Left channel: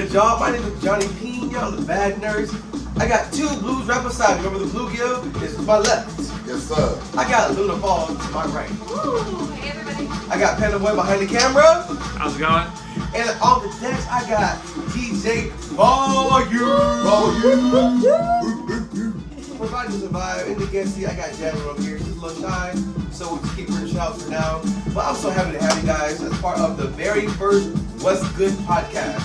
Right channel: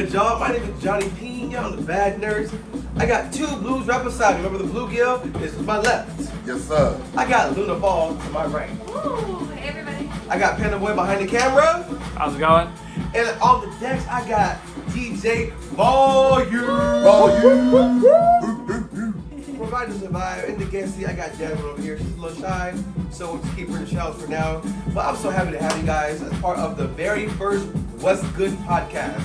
good, y'all? My name is Jonny Pena. I'm the bad nurse. I got two blues right beside me. Remember the bluegill is to my left. Yes, sir. I got Luna Falls to my right. Ooh, hey everybody. I got Panda Boy behind the camera. How's it going? And on the decks, I got DJ Volume. Providing the vibe. In the guest seat, I got Jasmine over here. She's a little shy, so we'll just keep her in the shout for now. But I'm so happy to have you guys as part of the very first What's Good podcast.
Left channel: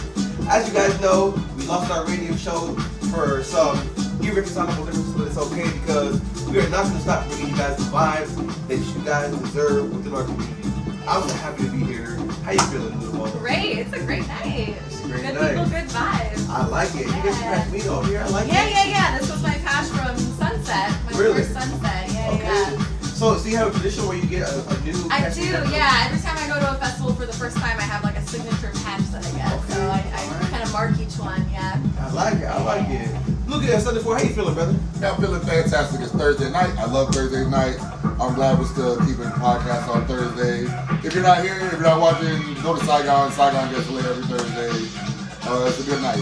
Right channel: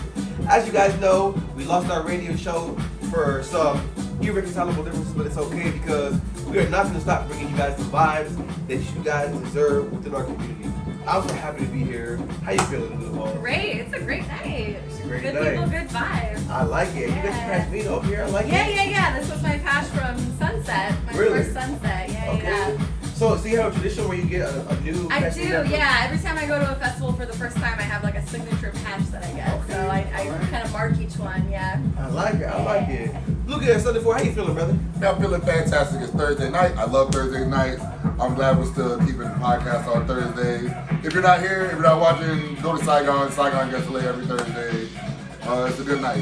As you guys know, we lost our radio show for some irreconcilable differences, but it's okay because we are not going to stop bringing you guys the vibes that you guys deserve within our community. I'm so happy to be here. How you feeling, little boy? Great. It's a great night. It's a great good night. people, good vibes. I like it. You guys passed me over here. I like it. Yeah. This was my patch from Sunset. My Really? first Sunset. Yeah. Okay. So you have a tradition where you get a new I patch do, together? yeah. Every time I go to a festival for the first time, I have like a signature patch that I get. Okay. So I kind of mark each one, yeah. I like it. Look at Sunday 4. How you feeling, brother? Yeah, I'm feeling fantastic. It's Thursday night. I love Thursday night. I'm glad we're still keeping the podcast on Thursday. If you're not here, if you're not watching, go to Saigon. Saigon gets lit every Thursday. It's a good night.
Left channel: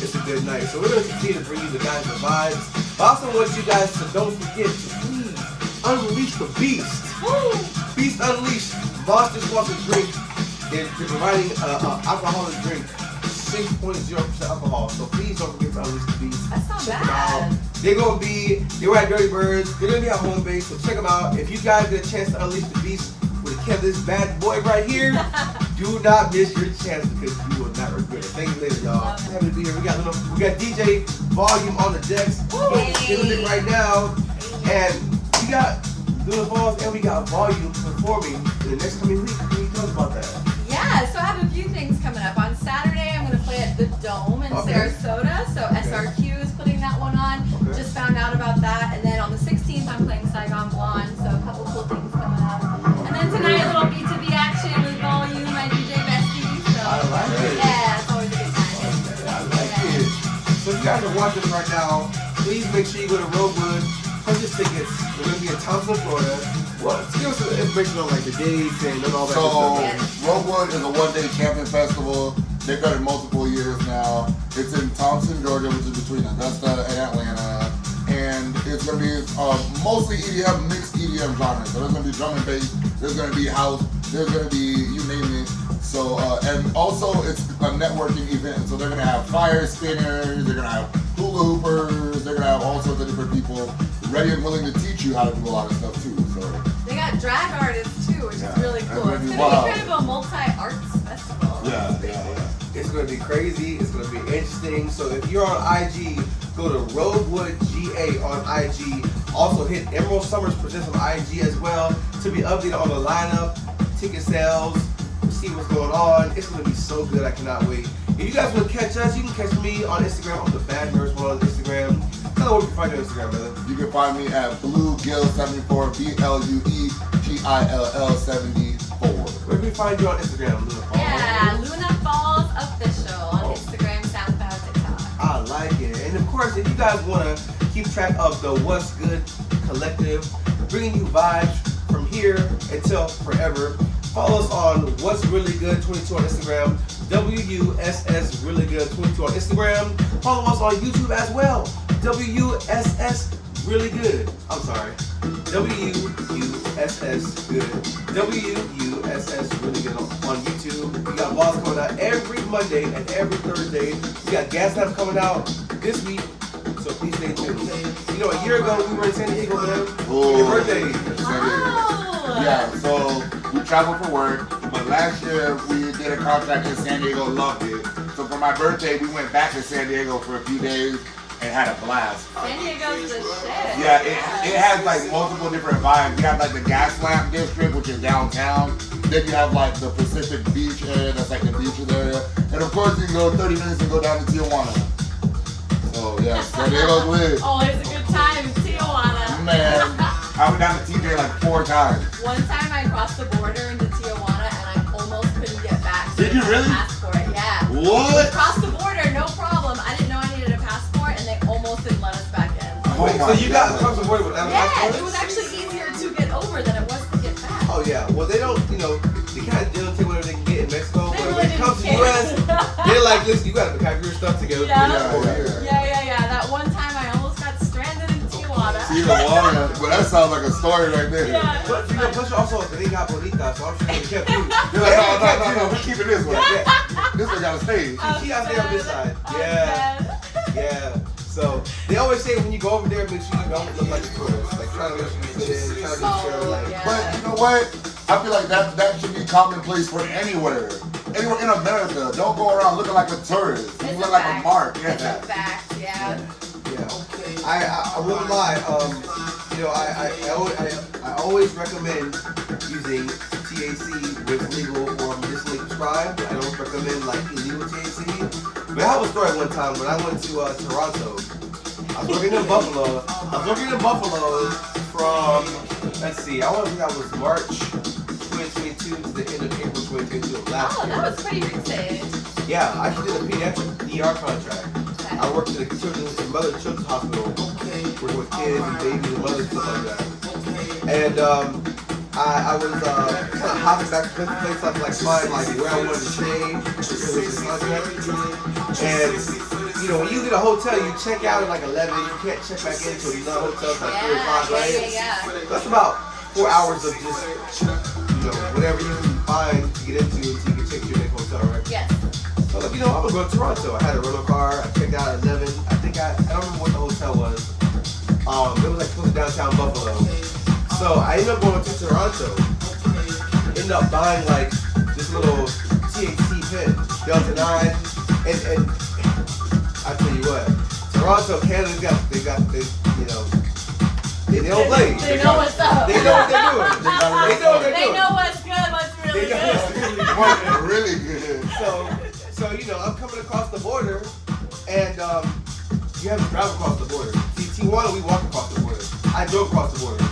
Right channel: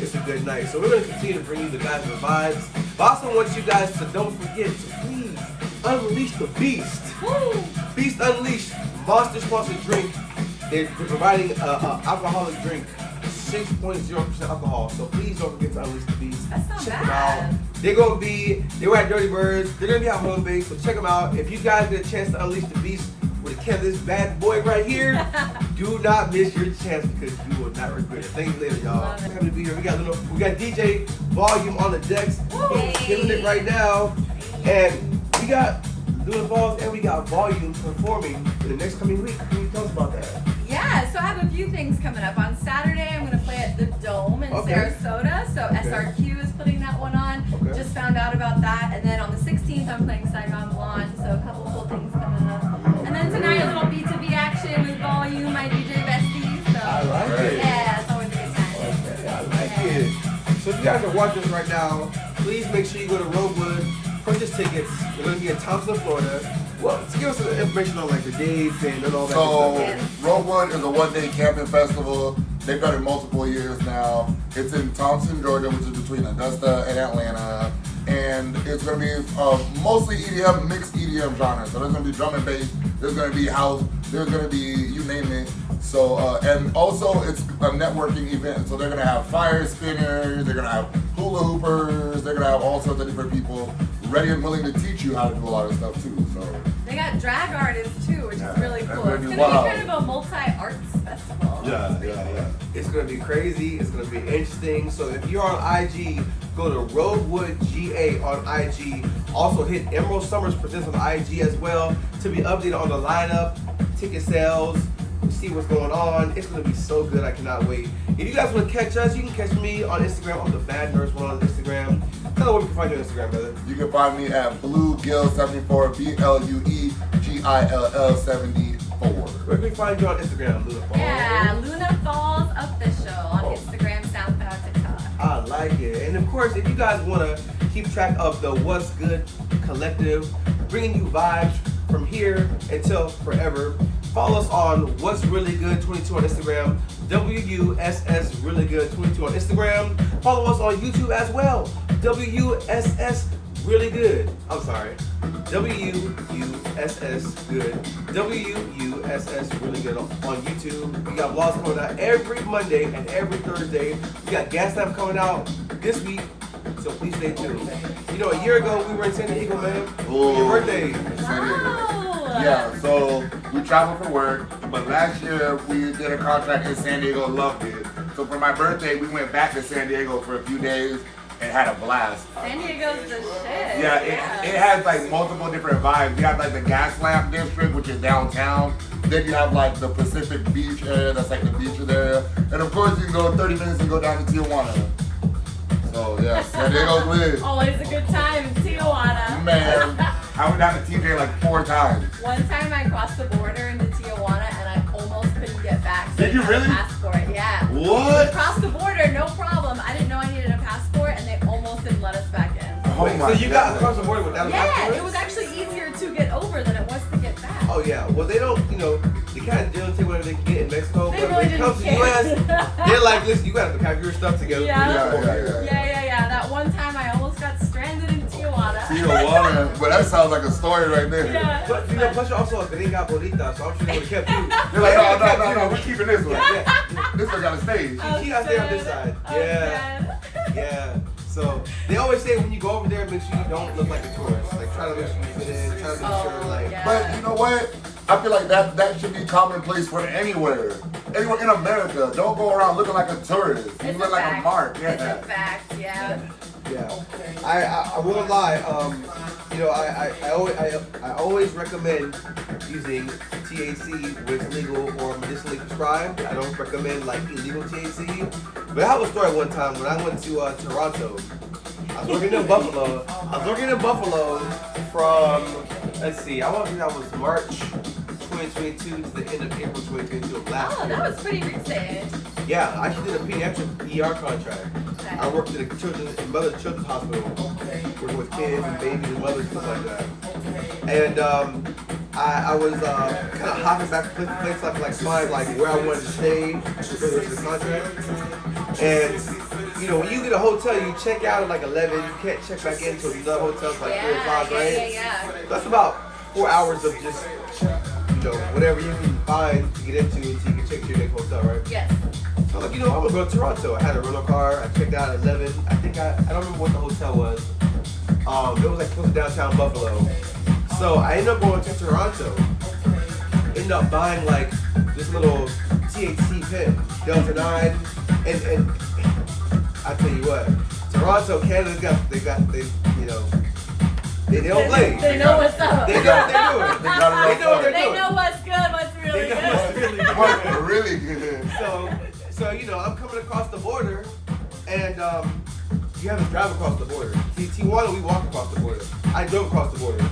It's a good night. So we're going to continue to bring you the guys the vibes. But I also want you guys to don't forget to please unleash the beast. Woo! Beast Unleashed. Monsters wants to drink. They're providing an alcoholic drink. 6.0% alcohol. So please don't forget to unleash the beast. That's not Check them bad. out. They were at Dirty Birds. They're gonna be at home base. So check them out. If you guys get a chance to unleash the beast with this bad boy right here, do not miss your chance because you will not regret it. Thank you later, y'all. Happy to be here. We got DJ Volume on the decks. He's killing it right now, and we got Luna Falls and we got Volume performing in the next coming week. Can you tell us about that? Yeah, so I have a few things coming up. On Saturday, I'm going to play at the Dome in Sarasota. So SRQ is putting that one on. Okay. Just found out about that. And then on the 16th, I'm playing Saigon Blonde. So a couple cool things coming up. And then tonight, a little B2B action with Volume, my DJ bestie. So, I like it. Yeah, it's always a good time. I like it. So if you guys are watching right now, please make sure you go to Roadwood, purchase tickets. We're going to be in Thompson, Florida. Well, give us some information on like the dates and all that So, good stuff. Roguewood is a one-day camping festival. They've done it multiple years now. It's in Thompson, Georgia, which is between Augusta and Atlanta. And it's going to be mostly EDM, mixed EDM genre. So there's going to be drum and bass, there's going to be house, there's going to be you name it. So, and also it's a networking event. So they're going to have fire spinners, they're going to have hula hoopers, they're going to have all sorts of different people ready and willing to teach you how to do a lot of stuff too. So They got drag artists too, which is really that's cool. gonna It's be going to wild. be kind of a multi-arts festival. yeah. It's going to be crazy. It's going to be interesting. So if you're on IG, go to Roadwood GA on IG. Also hit Emerald Summers Presents on IG as well to be updated on the lineup, ticket sales, see what's going on. It's going to be so good. I cannot wait. If you guys want to catch us, you can catch me on Instagram. I'm the Bad Nurse One on Instagram. Tell them where you can find you on Instagram, brother. You can find me at Bluegill74, BLUEGILL74. Where can we find you on Instagram, Luna Falls? Yeah, Luna Falls Official on Instagram, SoundCloud, TikTok. I like it. And of course, if you guys want to keep track of the What's Good Collective, bringing you vibes from here until forever, follow us on What's Really Good 22 on Instagram, WUSS Really Good 22 on Instagram. Follow us on YouTube as well, WUSS Really Good. I'm sorry, WUSS Good, WUSS Really Good on YouTube. We got vlogs coming out every Monday and every Thursday. We got gas time coming out this week, so please stay tuned. You know, a year ago we were in San Diego, man. Ooh. Your birthday. San Diego. Wow. Yeah, so we traveled for work, but last year we did a contract in San Diego, loved it. So for my birthday, we went back to San Diego for a few days and had a blast. San Diego's the shit. Yeah, it has like multiple different vibes. You have like the Gas Lamp District, which is downtown. Then you have like the Pacific Beach area, that's like the beaches area. And of course you can go 30 minutes and go down to Tijuana. So yeah, San Diego's lit. Always a good time in Tijuana. Man, I went down to TJ like 4 times. One time I crossed the border into Tijuana and I almost couldn't get back. Did you really? Passport, yeah. What? Crossed the border, no problem. I didn't know I needed a passport and they almost didn't let us back in. Oh Wait, my so you got God. across the border without a Yeah, passport? it was actually easier to get over than it was to get back. Oh yeah, well they don't, they kind of don't take whatever they can get in Mexico, They but really when it comes to to the US, they're like, listen, you gotta have your stuff together. Yeah. That one time I almost got stranded in Tijuana. Tijuana, but that sounds like a story right there. Yeah. But you know, plus you're also a gringa bonita, so I'm sure they would have kept you. They're like, no, we're keeping this one. Yeah. This one got to stay. She out there on this side. Oh, Yeah. So they always say when you go over there, make sure you don't look like a tourist. Like try to make sure you fit in, try to make sure like. But you know what? I feel like that should be commonplace for anywhere. Anywhere in America, don't go around looking like a tourist. You look like a mark. It's a fact, yeah. I won't lie. You know, I always recommend using THC with legal or medicinally prescribed. I don't recommend like illegal THC. But I have a story one time when I went to Toronto. I was working in Buffalo. From, let's see, I want to think that was March 2022 to the end of April 2022 of last year. That was pretty recent. Yeah, I actually did a pediatric ER contract. I worked at a children's hospital, working with kids and babies and mothers, stuff like that. And I was kind of hopping back to place so I could like find like where I wanted to stay because of the contract. And you know, when you get a hotel, you check out at like 11. You can't check back into another hotel like 4 or 5, right? So that's about 4 hours of just, you know, whatever you can find to get into until you can check to your next hotel, right? Yes. So like, you know, I'm gonna go to Toronto. I had a rental car. I checked out at 11. I think I don't remember what the hotel was. It was like close to downtown Buffalo. So I ended up going to Toronto. Ended up buying like this little THC pen, Delta 9, and I tell you what, Toronto, Canada, you know, they don't play. They know what's up. They know what they're doing. They know what they're They doing. know what's good, what's really They know what's good. really good. Really good. So you know, I'm coming across the border, and you have to drive across the border. See, Tijuana, we walk across the border. I drove across the border.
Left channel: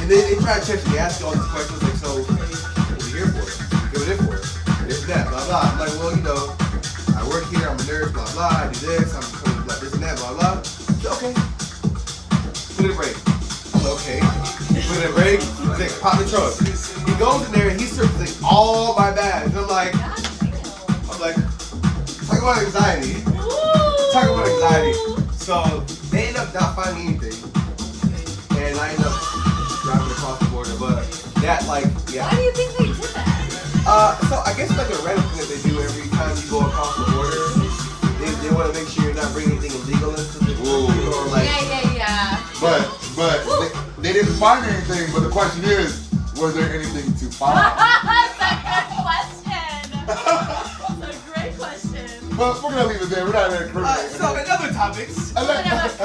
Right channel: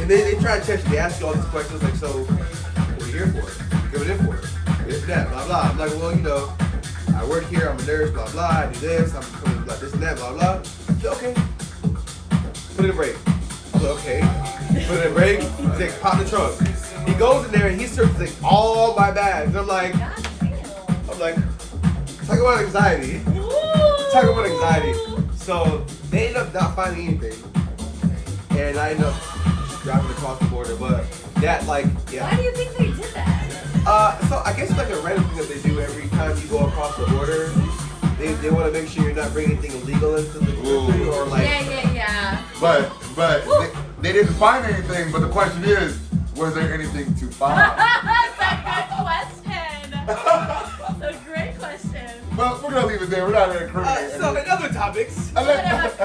And they try to check you. They ask you all these questions like, so, what are you here for? What are you for? This, that, blah, blah. I'm like, well, you know, I work here, I'm a nurse, blah, blah. I do this, I'm coming, blah, this and that, blah, blah. So, okay. Put in a break. I'm like, okay. Put in a break. Like, pop the trunk. He goes in there and he searches like all my bags. I'm like, talk about anxiety. Talk about anxiety. So they end up not finding anything, and I end up driving across the border. But that, like, yeah. Why do you think they did that? So I guess like a random thing that they do every time you go across the border. They want to make sure you're not bringing anything illegal into the country or like. Yeah. But they didn't find anything. But the question is, was there anything to find? That's a good question. That's a great question. Well, we're gonna leave it there. We're not gonna incriminate. So in other topics. Put a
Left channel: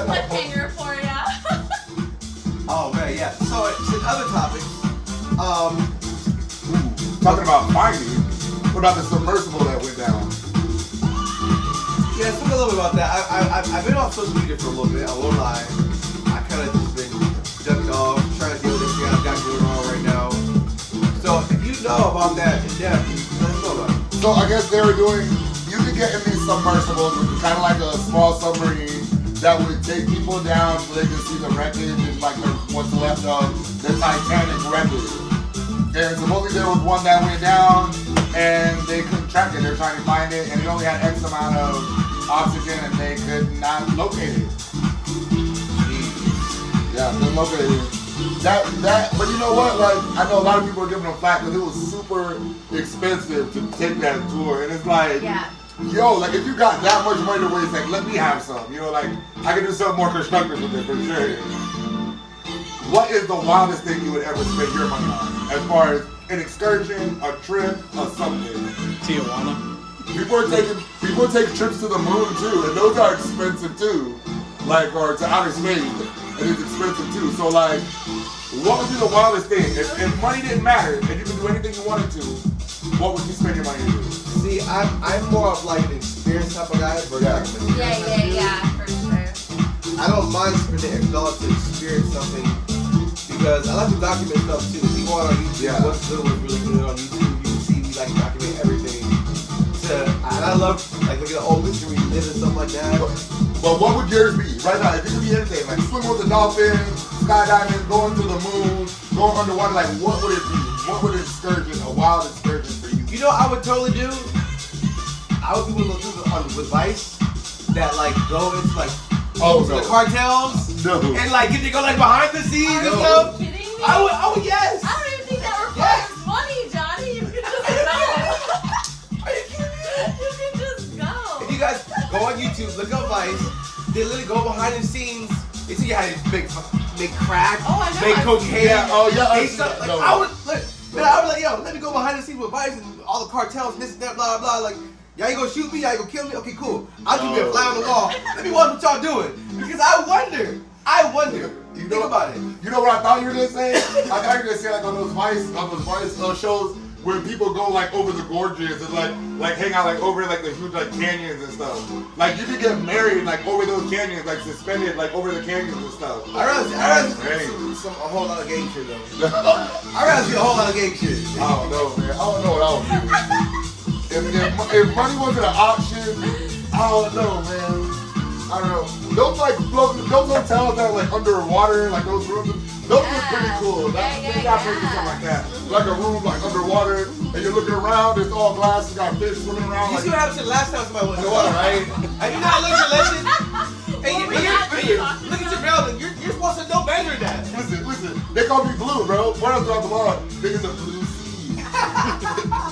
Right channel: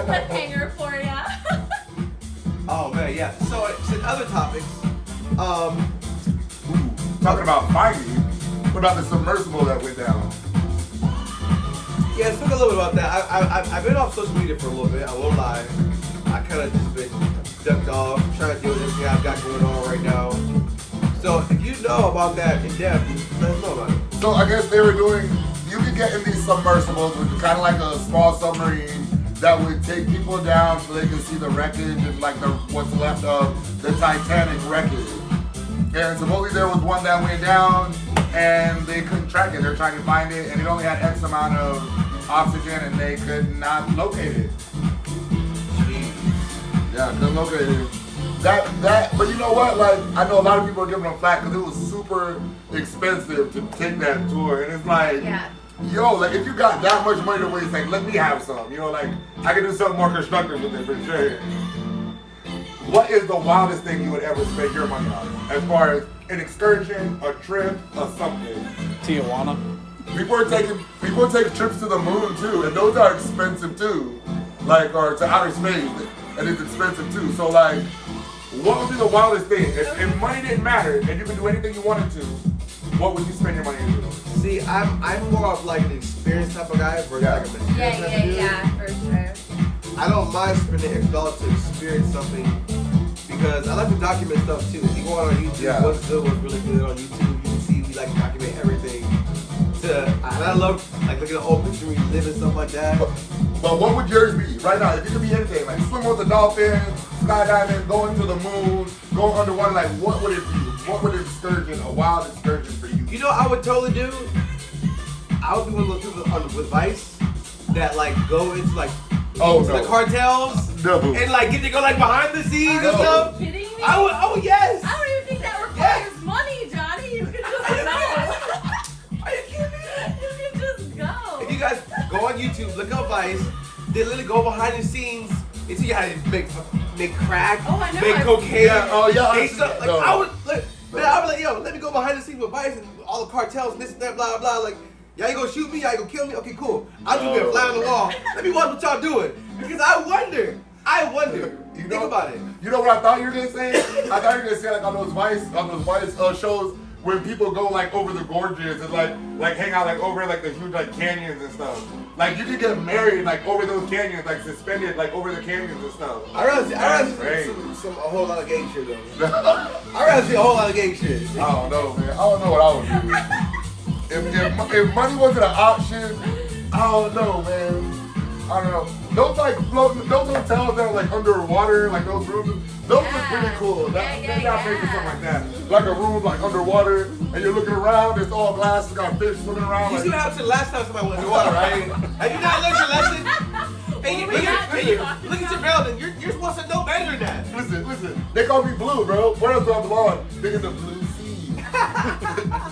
cliffhanger for ya. Oh man, yeah. So in other topics, talking about finding. What about the submersible that went down? yeah, talk a little bit about that. I've been off social media for a little bit. I won't lie. I kind of just been ducked off, trying to deal with everything I've got going on right now. So if you know about that in depth, let us know about it. So I guess they were doing. You could get in these submersibles, which is kind of like a small submarine that would take people down so they can see the wreckage and like what's left of the Titanic wreckage. And supposedly there was one that went down and they couldn't track it. They're trying to find it and it only had X amount of oxygen and they could not locate it. Yeah, couldn't locate it. But you know what? Like, I know a lot of people are giving them flack because it was super expensive to take that tour. And it's like, yo, like if you got that much money to waste, like let me have some. You know, like I can do something more constructive with it for sure. What is the wildest thing you would ever spend your money on? As far as an excursion, a trip, or something? Tijuana. People take trips to the moon too, and those are expensive too. Like, or to outer space, and it's expensive too. So like, what would be the wildest thing? If money didn't matter, and you could do anything you wanted to, what would you spend your money on? See, I'm more of like an experience type of guy versus like an experience type of dude. Yeah, for sure. I don't mind spending $X to experience something because I like to document stuff too. If you go on YouTube, what's good, what's really good on YouTube, you can see me like document everything. And I love like looking at old pictures when you live and stuff like that. But what would yours be right now? If you could be anything, like swimming with the dolphins, skydiving, going to the moon, going underwater, like what would it be? What would an excursion, a wild excursion for you? You know what I would totally do? I would be one of those people with Vice that like go into like Oh, to no. the cartels No. and like get to go like behind the scenes and No. stuff. Are you kidding me? Oh yes. I don't even think that requires money, Johnny. You can just go. Are you kidding me? You can just go. If you guys go on YouTube, look up Vice. They literally go behind the scenes. They see how to make crack, Oh, I know. make I've cocaine. seen that. Oh, yeah, They I've stuff, seen like that. I would like, yo, let me go behind the scenes with Vice and all the cartels, this and that, blah blah. Like, y'all ain't gonna shoot me, y'all ain't gonna kill me. Okay, cool. I'll just be a fly on the wall. Let me watch what y'all doing because I wonder. You Think know- about it. You know what I thought you were gonna say? I thought you were gonna say like on those Vice shows when people go like over the gorges and like hang out like over like the huge like canyons and stuff. Like you could get married like over those canyons, like suspended like over the canyons and stuff. I rather That's see great. a whole lot of gang shit though. I rather see a whole lot of gang shit. I don't know, man. I don't know what I would do. If money wasn't an option, I don't know, man. I don't know. Those like floating, those hotels that are like underwater, like those rooms, those are pretty cool. Maybe I'll pay for something like that. Like a room like underwater, and you're looking around, it's all glass, you got fish swimming around. You Like, see what happened to the last time somebody went in the water, right? Have you not learned your lesson? Look at your building. You're supposed to know better than that. listen, they call me Blue, bro. What else do I belong? They in the blue sea.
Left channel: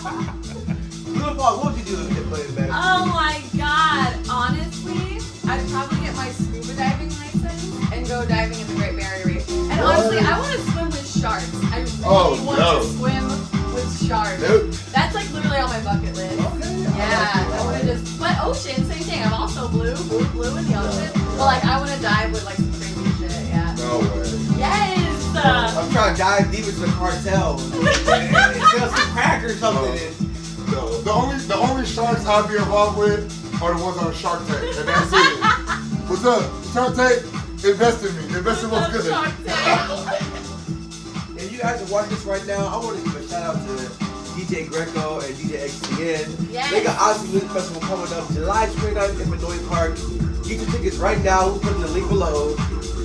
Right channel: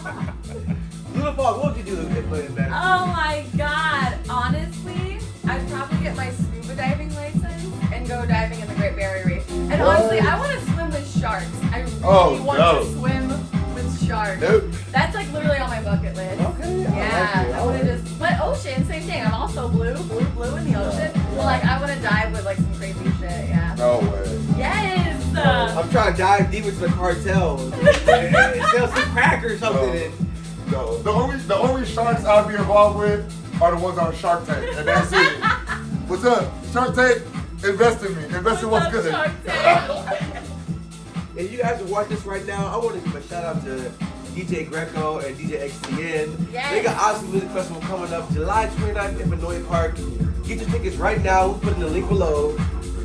Blue Falls, what would you do to get playing better? Oh my god. Honestly, I'd probably get my scuba diving license and go diving in the Great Barrier Reef. And honestly, I want to swim with sharks. I really want to swim with sharks. Nope. That's like literally on my bucket list. Okay, Yeah, I want to just. But ocean, same thing. I'm also blue in the ocean. But like, I want to dive with like some crazy shit. Yeah. No way. Yes. I'm trying to dive deep into the cartel and sell some crack or something. No. The only sharks I'd be involved with are the ones on Shark Tank, and that's it. What's up? Shark Tank, invest in me. Invest in what's good. Shark Tank. If you guys are watching this right now, I want to give a shout out to DJ Greco and DJ XTN. Yes. They got Odyssey Music Festival coming up July 29th in Benoit Park. Get your tickets right now. We'll put in the link below.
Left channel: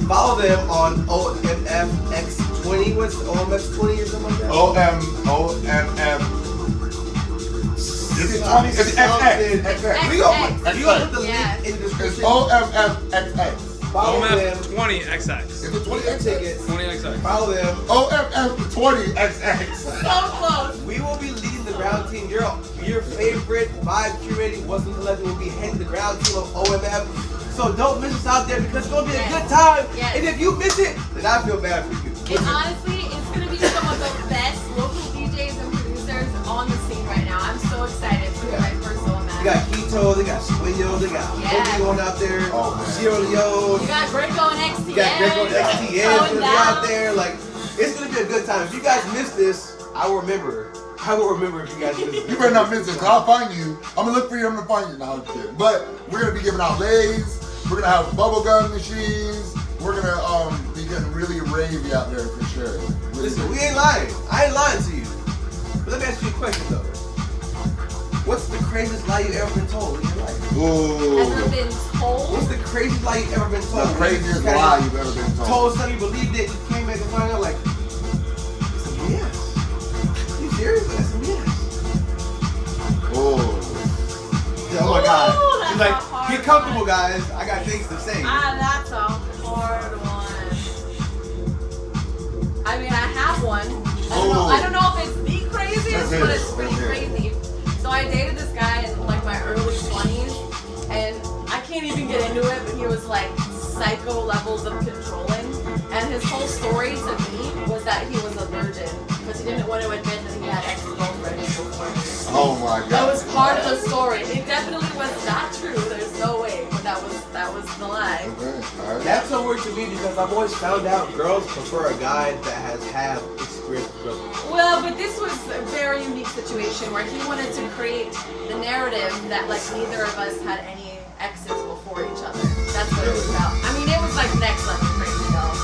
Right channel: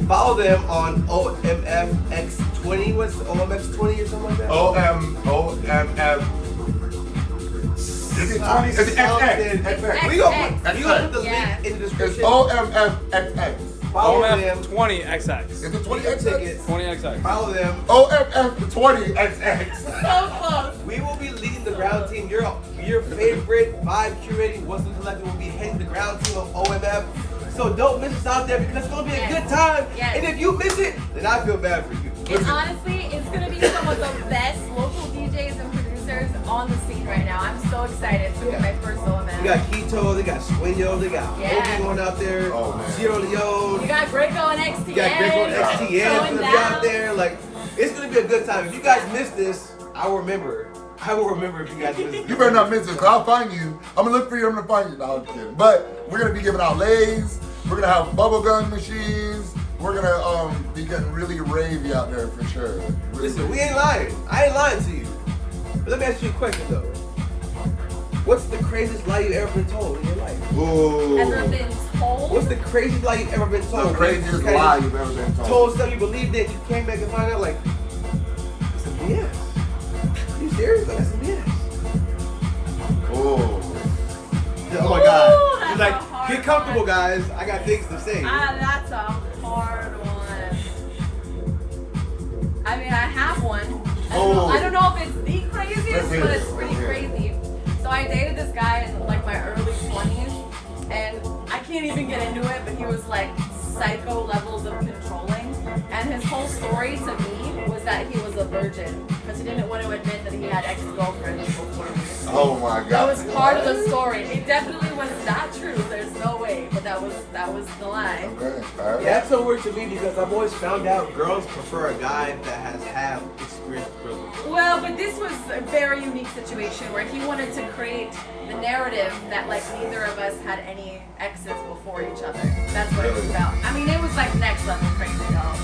Follow them on OMFX20. What's OMX20 or something like that? OMF. Is it 20? Is it XX? We gonna put the Yeah. link in the It's description. OMFXX. Follow them. OMF20XX. Is it Get your 20XX? tickets. 20XX. Follow them. OMF20XX. So close. We will be leading the ground team. Your favorite vibe curating Western Collective will be heading the ground team of OMF. So don't miss us out there because it's gonna be a good time. Yes. And if you miss it, then I feel bad for you. And honestly, it's gonna be some of the best local DJs and producers on the scene right now. I'm so excited for my first OMF. They got Keto, they got Swinyo, they got Obi going out there, Oh, man. Sierra Leone, We got Greco and XTN. you got Greco and XTN is going gonna be out down. there. Like, it's gonna be a good time. If you guys miss this, I will remember. I will remember if you guys miss this. You better not miss it, cause I'll find you. I'm gonna look for you, I'm gonna find you. No, I'm kidding. But we're gonna be giving out lays, we're gonna have bubblegum machines, we're gonna be getting really ravey out there for sure. Really Listen, we ain't lying. I ain't lying to you. But let me ask you a question though. What's the craziest lie you ever been told in your life? Ooh. Ever been told? What's the craziest lie you ever been told? The craziest Kinda lie you've ever been told. Told something you believed it, you came back and find out like, it's some BS. You serious? Like, it's some BS. Ooh. Oh my God. Ooh, He's that's like, a hard get comfortable, one. guys. I got things to say. That's a hard one. I mean, I have one. I don't know if it's the craziest, Let's but hear it's it. pretty Let's hear it. crazy. So I dated this guy in like my early 20s, and I can't even get into it, but he was like psycho levels of controlling. And his whole story to me was that he was a virgin, but he didn't want to admit that he had ex-girlfriends before. Oh my God. That was part of the story. It definitely was not true. There's no way, but that was the lie. Okay, alright. That's so weird to me because I've always found out girls prefer a guy that has had experience with girls. Well, but this was a very unique situation where he wanted to create the narrative that like neither of us had any exes before each other. That's what it was about. I mean, it was like next level crazy, y'all.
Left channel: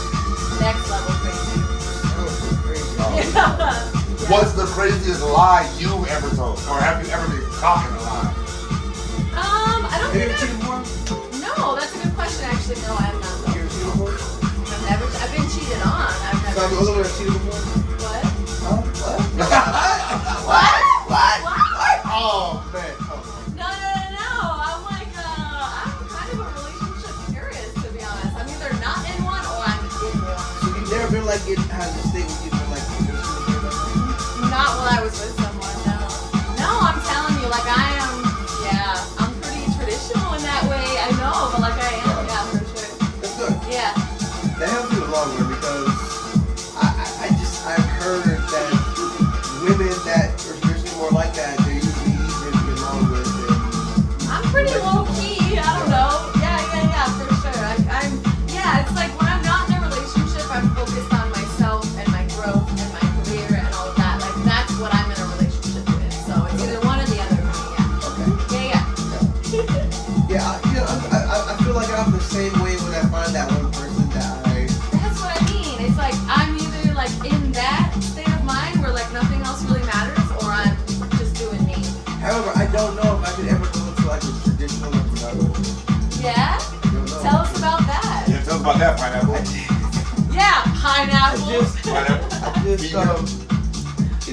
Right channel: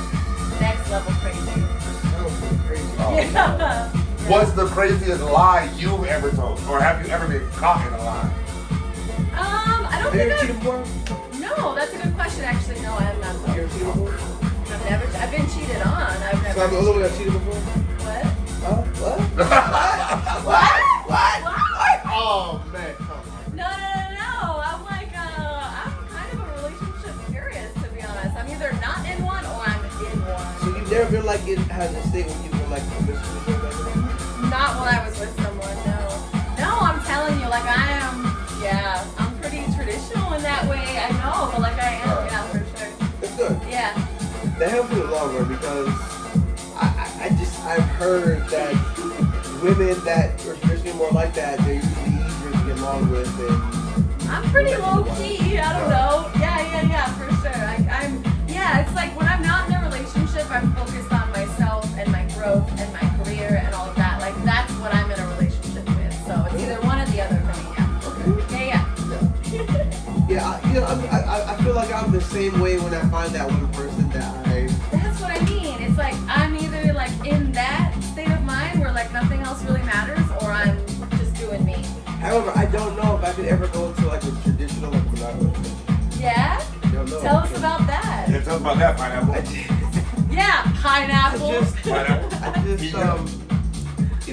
Next level crazy. That was so crazy. Yeah. What's the craziest lie you ever told? Or have you ever been caught in a lie? I don't Have you think ever cheated before? No, that's a good question. Actually, no, I have not. You ever cheated before? I've been cheated on. I've never. So the other way I've cheated before? What? Huh? What? What? What? What? Oh man, come on. No. ever like it has a state where you've been like Not while I was with someone, no. No, I'm telling you, like I am, I'm pretty traditional in that way. I know, but like I am, yeah, for sure. That's good. Yeah. That helps me in the long run because I've heard that women that are traditionally more like that, they're usually easier to get along with. And I'm pretty low key. I don't know. Yeah, for sure. It's like when I'm not in a relationship, I'm focused on myself and my growth and my career and all of that. Like that's what I'm in a relationship with. So it's either one or the other for me. Yeah. I feel like I'm the same way when I find that one person that That's what I mean. It's like I'm either like in that state of mind where like nothing else really matters, or I'm just doing me. However, I don't know if I could ever go into like a traditional like monogamous relationship. Yeah? I don't know. Tell us about that. Yeah, tell us about that, Pineapple. Yeah, pineapple.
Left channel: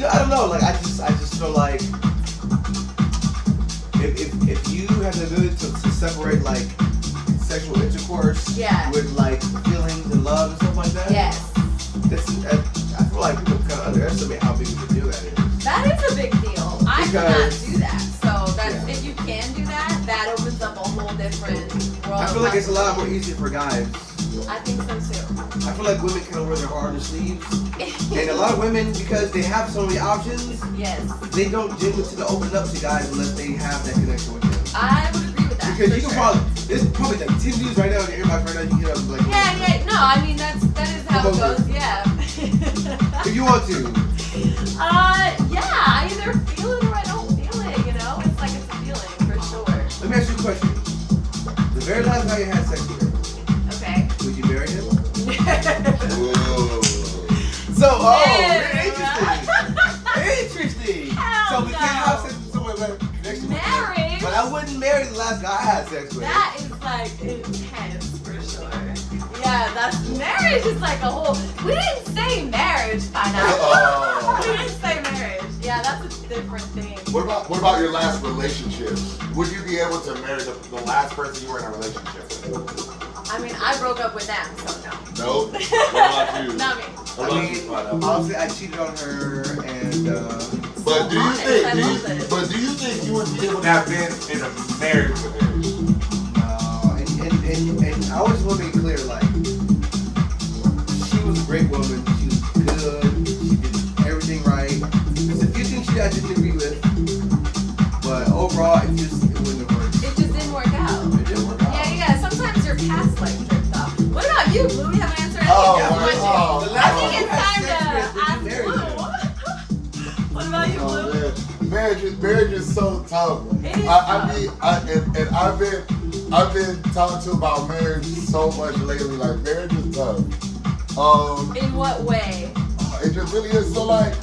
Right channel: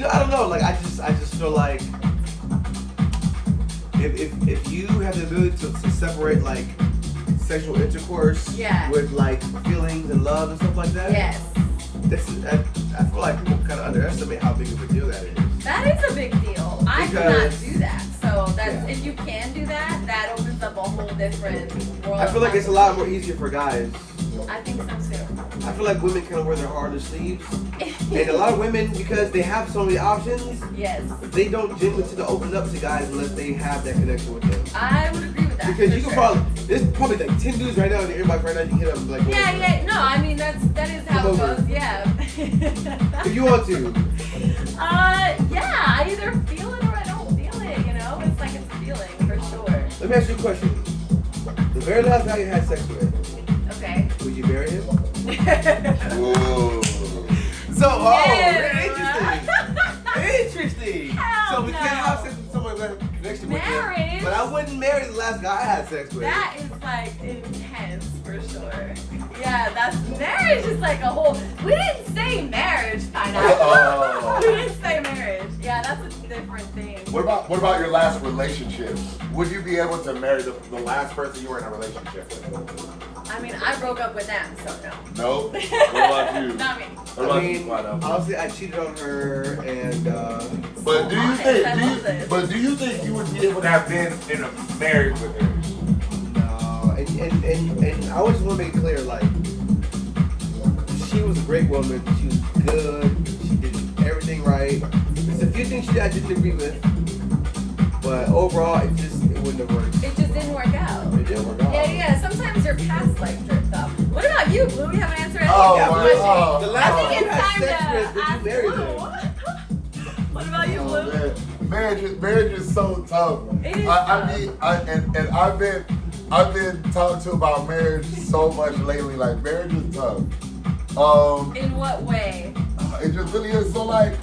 I don't know. Like I just feel like if you have the ability to separate like sexual intercourse with like feelings and love and stuff like that. Yes. I feel like people kind of underestimate how big of a deal that is. That is a big deal. I cannot do that. So if you can do that, that opens up a whole different world. I feel like it's a lot more easier for guys. I think so too. I feel like women kind of wear their heart on their sleeves. And a lot of women, because they have so many options, they don't genuinely to open up to guys unless they have that connection with them. I would agree with that. Because you can there's probably like 10 dudes right now in the inbox right now, you hit them like no, I mean that is how it goes, yeah. If you want to. I either feel it or I don't feel it, you know? It's like it's a feeling for sure. Let me ask you a question. The very last guy you had sex with, okay, would you marry him? Ooh. Interesting. So we can't have sex with someone with a connection with them. But I wouldn't marry the last guy I had sex with. That is like intense for sure. Yeah, marriage is like a whole. We didn't say marriage, Pineapple. We didn't say marriage. Yeah, that's a different thing. What about your last relationship? Would you be able to marry the last person you were in a relationship with? I mean, I broke up with them, so no. No. What about you? Not me. What about you? Honestly, I cheated on her, and But do you think you would be able to have been in a marriage with her? no, and I always want to make it clear, like, she was a great woman. She was good. She did everything right. There's a few things I didn't agree with, but overall, it wouldn't have worked. It just didn't work out. It didn't work out. Yeah. Sometimes your past life drift up. What about you, Blue? You haven't answered anything. Oh, The last one I you think had it's sex time with, to did ask you marry Blue. them? What about you, Blue? Marriage is so tough. It is I've been talking to about marriage so much lately. Like marriage is tough. In what way? It just really is. So like,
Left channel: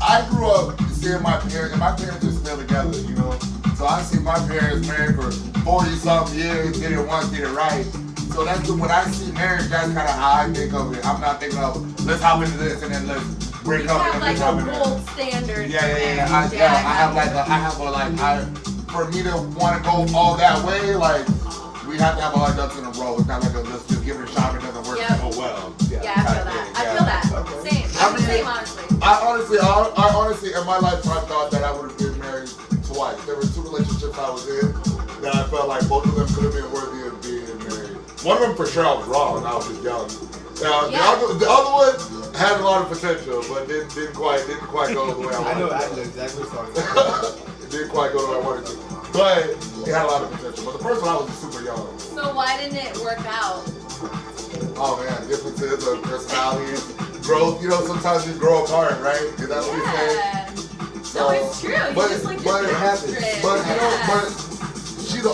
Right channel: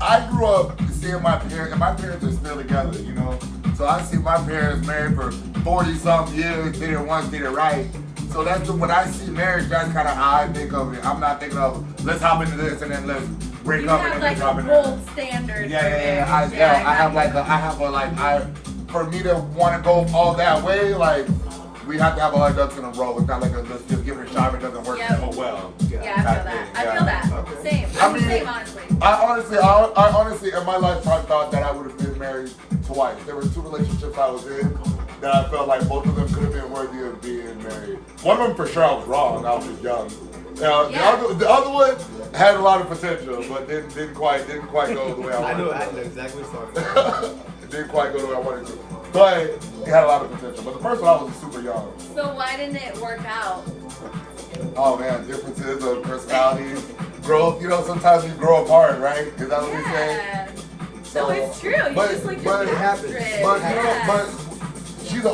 I grew up seeing my parents, and my parents are still together, you know. So I see my parents married for 40-something years, did it once, did it right. So that's when I see marriage, that's kind of how I think of it. I'm not thinking of let's hop into this and then let's break up and then let's hop You into have like a this. gold standard. For me to want to go all that way, like we have to have all our ducks in a row. It's not like let's just give it a shot if it doesn't work. Yep. Oh well. Yeah, I feel that. Same. I mean, Same, honestly. I honestly, in my lifetime, thought that I would have been married twice. There were two relationships I was in that I felt like both of them could have been worthy of being married. One of them for sure I was wrong. I was just young. The other one had a lot of potential, but didn't quite go the way I wanted. I know exactly what you're talking about. It didn't quite go the way I wanted to. But it had a lot of potential. But the first one I was super young. So why didn't it work out? Oh man, differences of personalities, growth. You know, sometimes you grow apart, right? Is that what you're saying? So it's true. You but- just like but your it happens. portrait. But you know, but she's an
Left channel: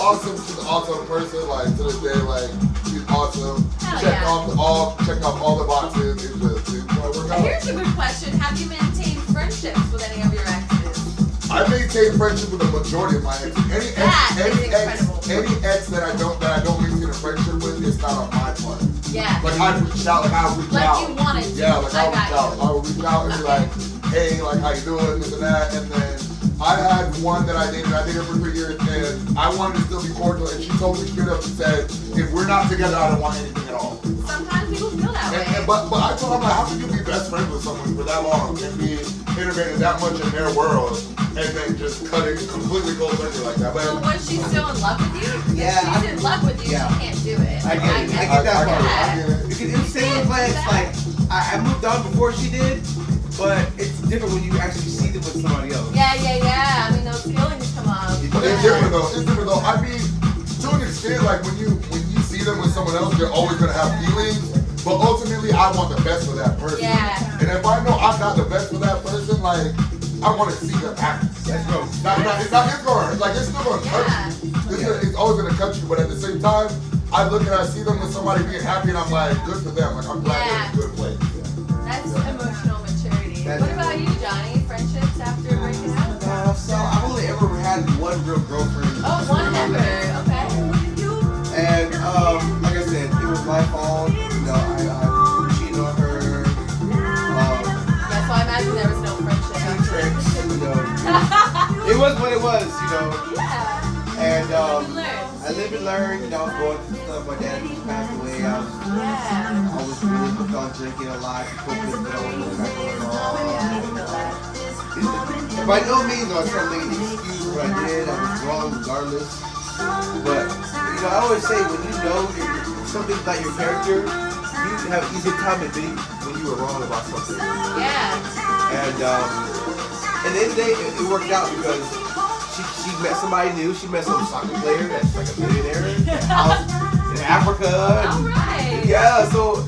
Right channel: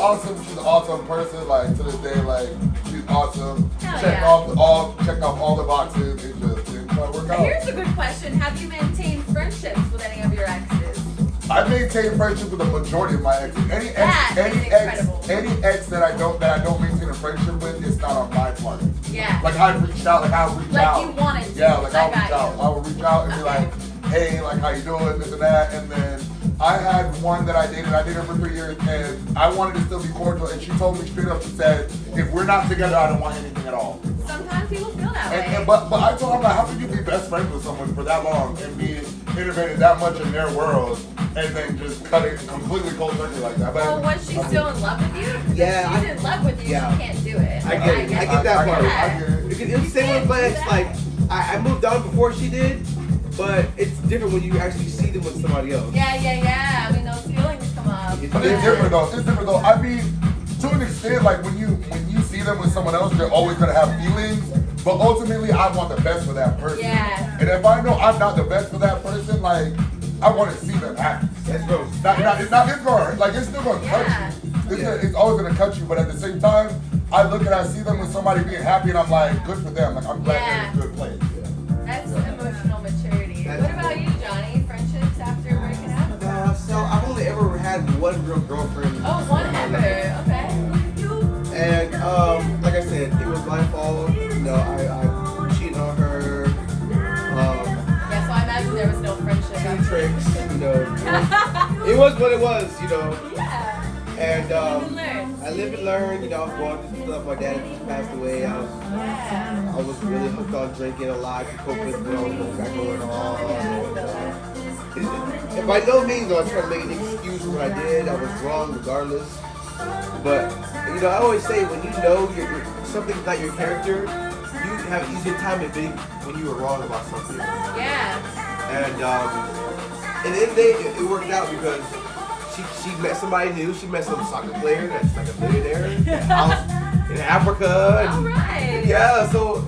awesome person. Like to this day, like she's awesome. Hell Checked yeah. off all the boxes. It just didn't quite work But out. here's a good question. Have you maintained friendships with any of your exes? I maintain friendship with the majority of my exes. Any ex that I don't maintain a friendship with, it's not on my part. Yeah. Like I'll reach out. Like you wanted to. Yeah, like I'll reach out. you. I will reach out and be like, hey, like how you doing, this and that. And then I had one that I dated her for 3 years, and I wanted to still be cordial. And she told me straight up, she said, if we're not together, I don't want anything at all. Sometimes people feel that way. but I told him, like, how can you be best friends with someone for that long and be integrated that much in their world and then just cut it completely cold turkey like that? Well, was she still in love with you? If Yeah, she's in love with you, yeah. she can't do it. I get it. I get that part. I get it. Because it's the same way, it's like, I moved on before she did, but it's different when you actually see them with somebody else. Yeah. I mean, those feelings come up. But it's different though. It's different though. I mean, to an extent, like when you see them with someone else, you're always gonna have feelings. But ultimately, I want the best for that person. Yeah. And if I know I'm not the best for that person, like I want to see them happy. Let's go. It's going like it's still gonna cut you. It's always gonna cut you. But at the same time, I look and I see them with somebody being happy, and I'm like, good for them. Like I'm glad they're in a good place. That's emotional maturity. What about you, Johnny? Friendships after breaking up? So I've only ever had one real girlfriend. Oh, one ever. Okay. And like I said, it was my fault. You know, I cheated on her. That's why I imagine there was no friendship. Few tricks. You know, it was what it was. You know. Yeah. And You learned. I lived and learned. You know, I was going through stuff. My dad just passed away. I was really hooked on drinking a lot to cope with, you know, what got going on. And by no means do I try to make an excuse for what I did. I was wrong regardless. But, you know, I always say when you know something's not your character, you have an easier time admitting when you were wrong about something. Yeah. And at the end of the day, it worked out because she met somebody new. She met some soccer player that's like a millionaire in a house in Africa. All right. Yeah, so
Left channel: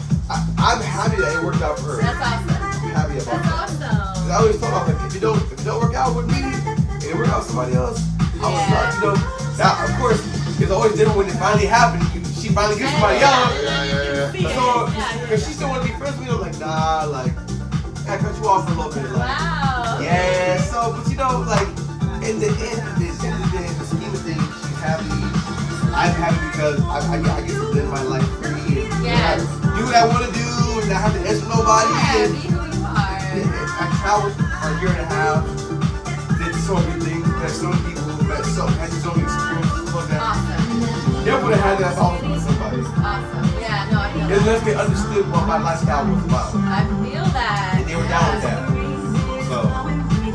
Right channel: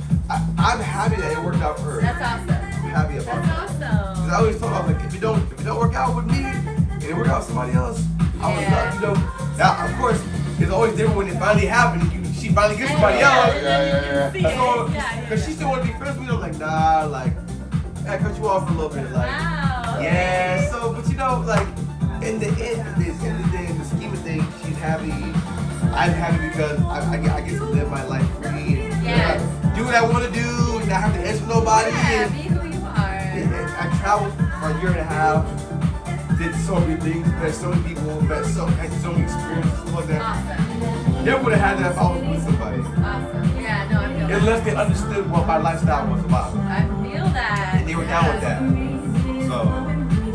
I'm happy that it worked out for her. That's awesome. I'm happy about That's that. awesome. 'Cause I always thought, I was like, if it don't work out with me, and it work out with somebody else, I was lucky, you know. Now, of course, it's always different when it finally happened. She finally gets somebody else. Yeah. So, because she still want to be friends with me, I'm like, nah, like, I cut you off for a little bit, like, Wow. yeah. So, but you know, like, in the end of the day, in the scheme of things, she's happy. I'm happy because I get to live my life free and Yes. do what I want to do and not have to answer nobody. Yeah, And, be who you are. and I traveled for a year and a half, did so many things, met so many people, had so many experiences like that. Awesome. Never would have had that if I was with somebody. Awesome. Yeah, no, I feel that. Unless they understood what my lifestyle was about. I feel that. And they were down with that.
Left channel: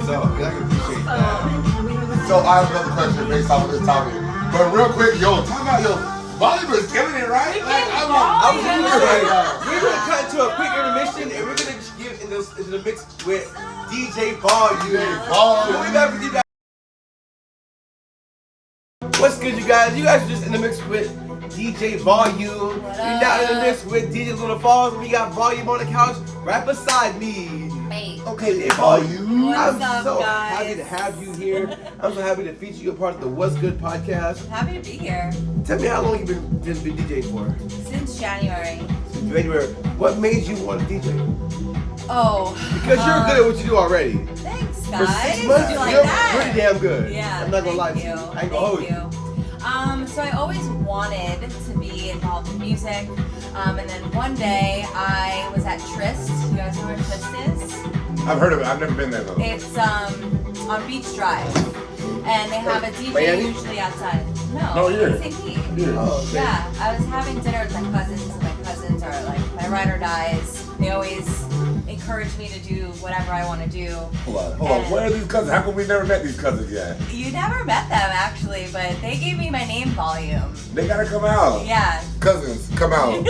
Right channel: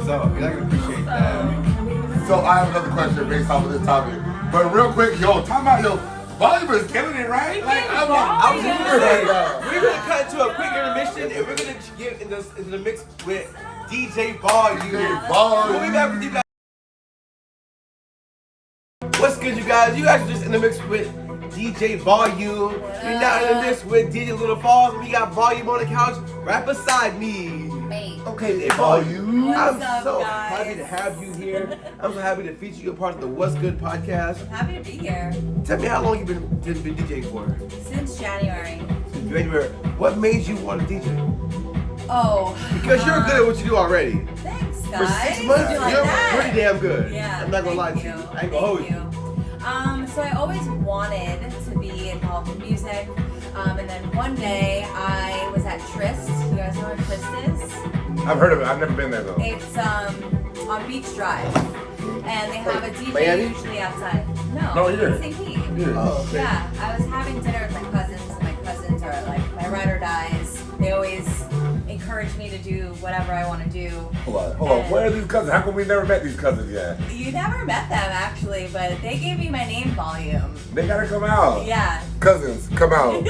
So I can appreciate that. So I have another question based off of this topic. But real quick, time out, Volume is killing it, right? Like I was I'm gonna say, that. we're gonna cut into a quick intermission and we're gonna get into the mix with DJ Volume. We'll be back with you guys. What's good, you guys? You guys are just in the mix with DJ Volume. You're now in the mix with DJ Little Falls. We got Volume on the couch right beside me. Hey. Okay, then, Volume. What's I'm up, so guys? happy to have you here. I'm so happy to feature you a part of the What's Good podcast. Happy to be here Tell me how long you've been DJing for? since January. Since January. What made you want to DJ? Oh, Because you're good at what you do already. Thanks, For guys. 6 months, You like you're that? pretty damn good. Yeah, I'm not gonna lie thank to you. you. I ain't gonna hold you. So I always wanted to be involved in music, and then one day I was at Tryst. You guys know where Tryst is? I've heard of it. I've never been there though. It's on Beach Drive, and they have a DJ Miami? usually outside. No, No, here. St. Pete. Oh, okay. Yeah, I was having dinner with my cousins, and my cousins are like my ride or dies. They always encourage me to do whatever I want to do. Hold on. Where are these cousins? How come we never met these cousins yet? You never met them actually, but they gave me my name Volume. They gotta come out. Yeah. Cousins, come out.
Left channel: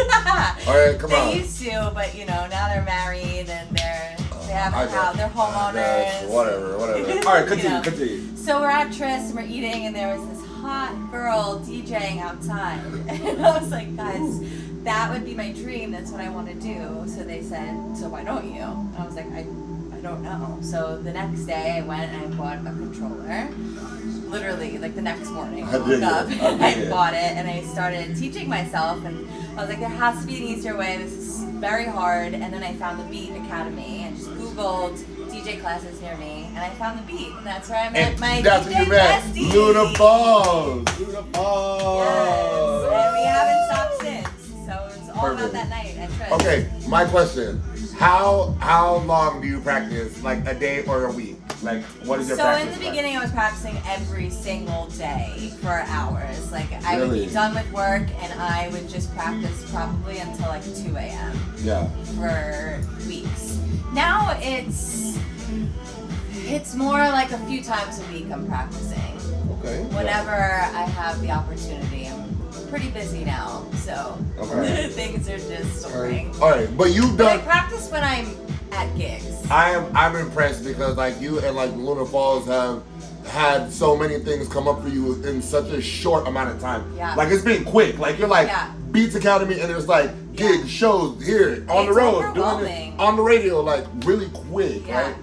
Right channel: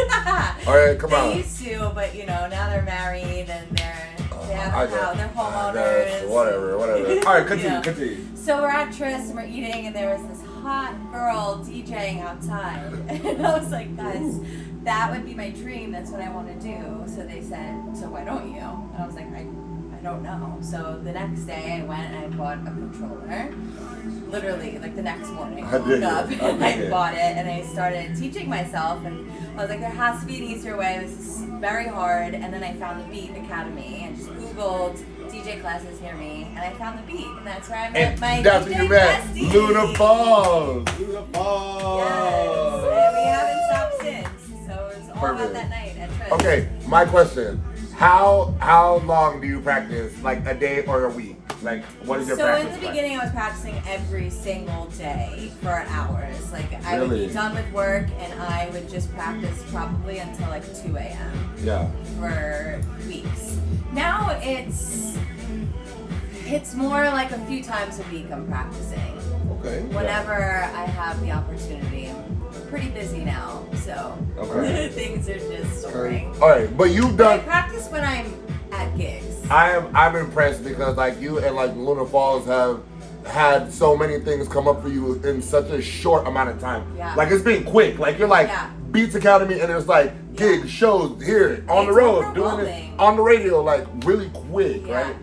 All right, come They out. used to, but now they're married and they have I a house. They're got homeowners. you. Whatever. All right, continue. Yeah. Continue. So we're at Tryst and we're eating, and there was this hot girl DJing outside, and I was like, guys, that would be my dream. That's what I want to do. So they said, so why don't you? And I was like, I don't know. So the next day I went and I bought a controller. Literally, like the next morning, I I woke did up, it. I did I it. bought it, and I started teaching myself. And I was like, there has to be an easier way. This is very hard. And then I found the Beat Academy and just Googled DJ classes near me, and I found the Beat, and that's where I met And my that's DJ when you met bestie. Luna Falls. Luna Yes, Falls. and we haven't stopped since. So it was all Perfect. about that night at Tryst. Okay, my question. How long do you practice? Like a day or a week? Like, what is your So practice in the like? beginning, I was practicing every single day for hours. Like I would Really? be done with work and I would just practice probably until like 2 a.m. Yeah. for weeks. Now it's more like a few times a week I'm practicing. Okay. Whenever I have the opportunity. I'm pretty busy now, so Okay. things are just soaring. All right, but you've But I done. practice when I'm at gigs. I'm impressed because like you and like Luna Falls have had so many things come up for you in such a short amount of time. Yeah. Like it's been quick. Like you're like Yeah. Beats Academy and there's like gigs, shows here on the It's road, doing it overwhelming. on the radio, like really quick, Yeah. right?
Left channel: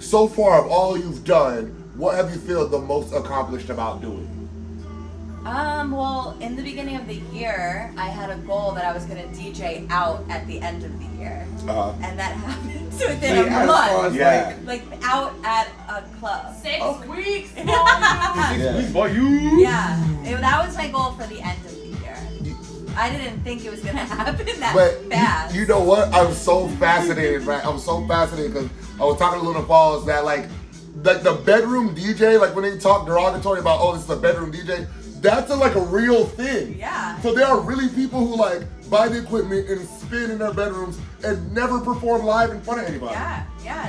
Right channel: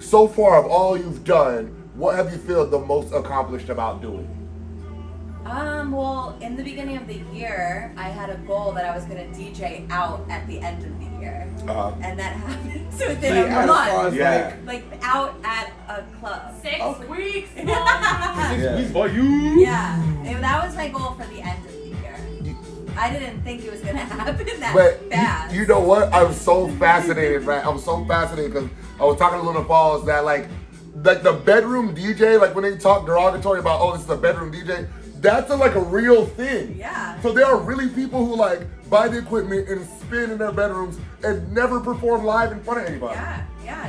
So far of all you've done, what have you feel the most accomplished about doing? Well, in the beginning of the year, I had a goal that I was gonna DJ out at the end of the year. Uh-huh. And that happened So within you a had as far month. as Yeah. Like out at a club. 6 Okay. weeks. Yeah. for you. Yeah. That was my goal for the end of the year. I didn't think it was gonna happen that But fast. you know what? I'm so fascinated, right? I'm so fascinated because I was talking to Luna Falls that like the bedroom DJ, like when they talk derogatory about, oh, this is a bedroom DJ, that's like a real thing. Yeah. So there are really people who like buy the equipment and spin in their bedrooms and never perform live in front of anybody. Yeah.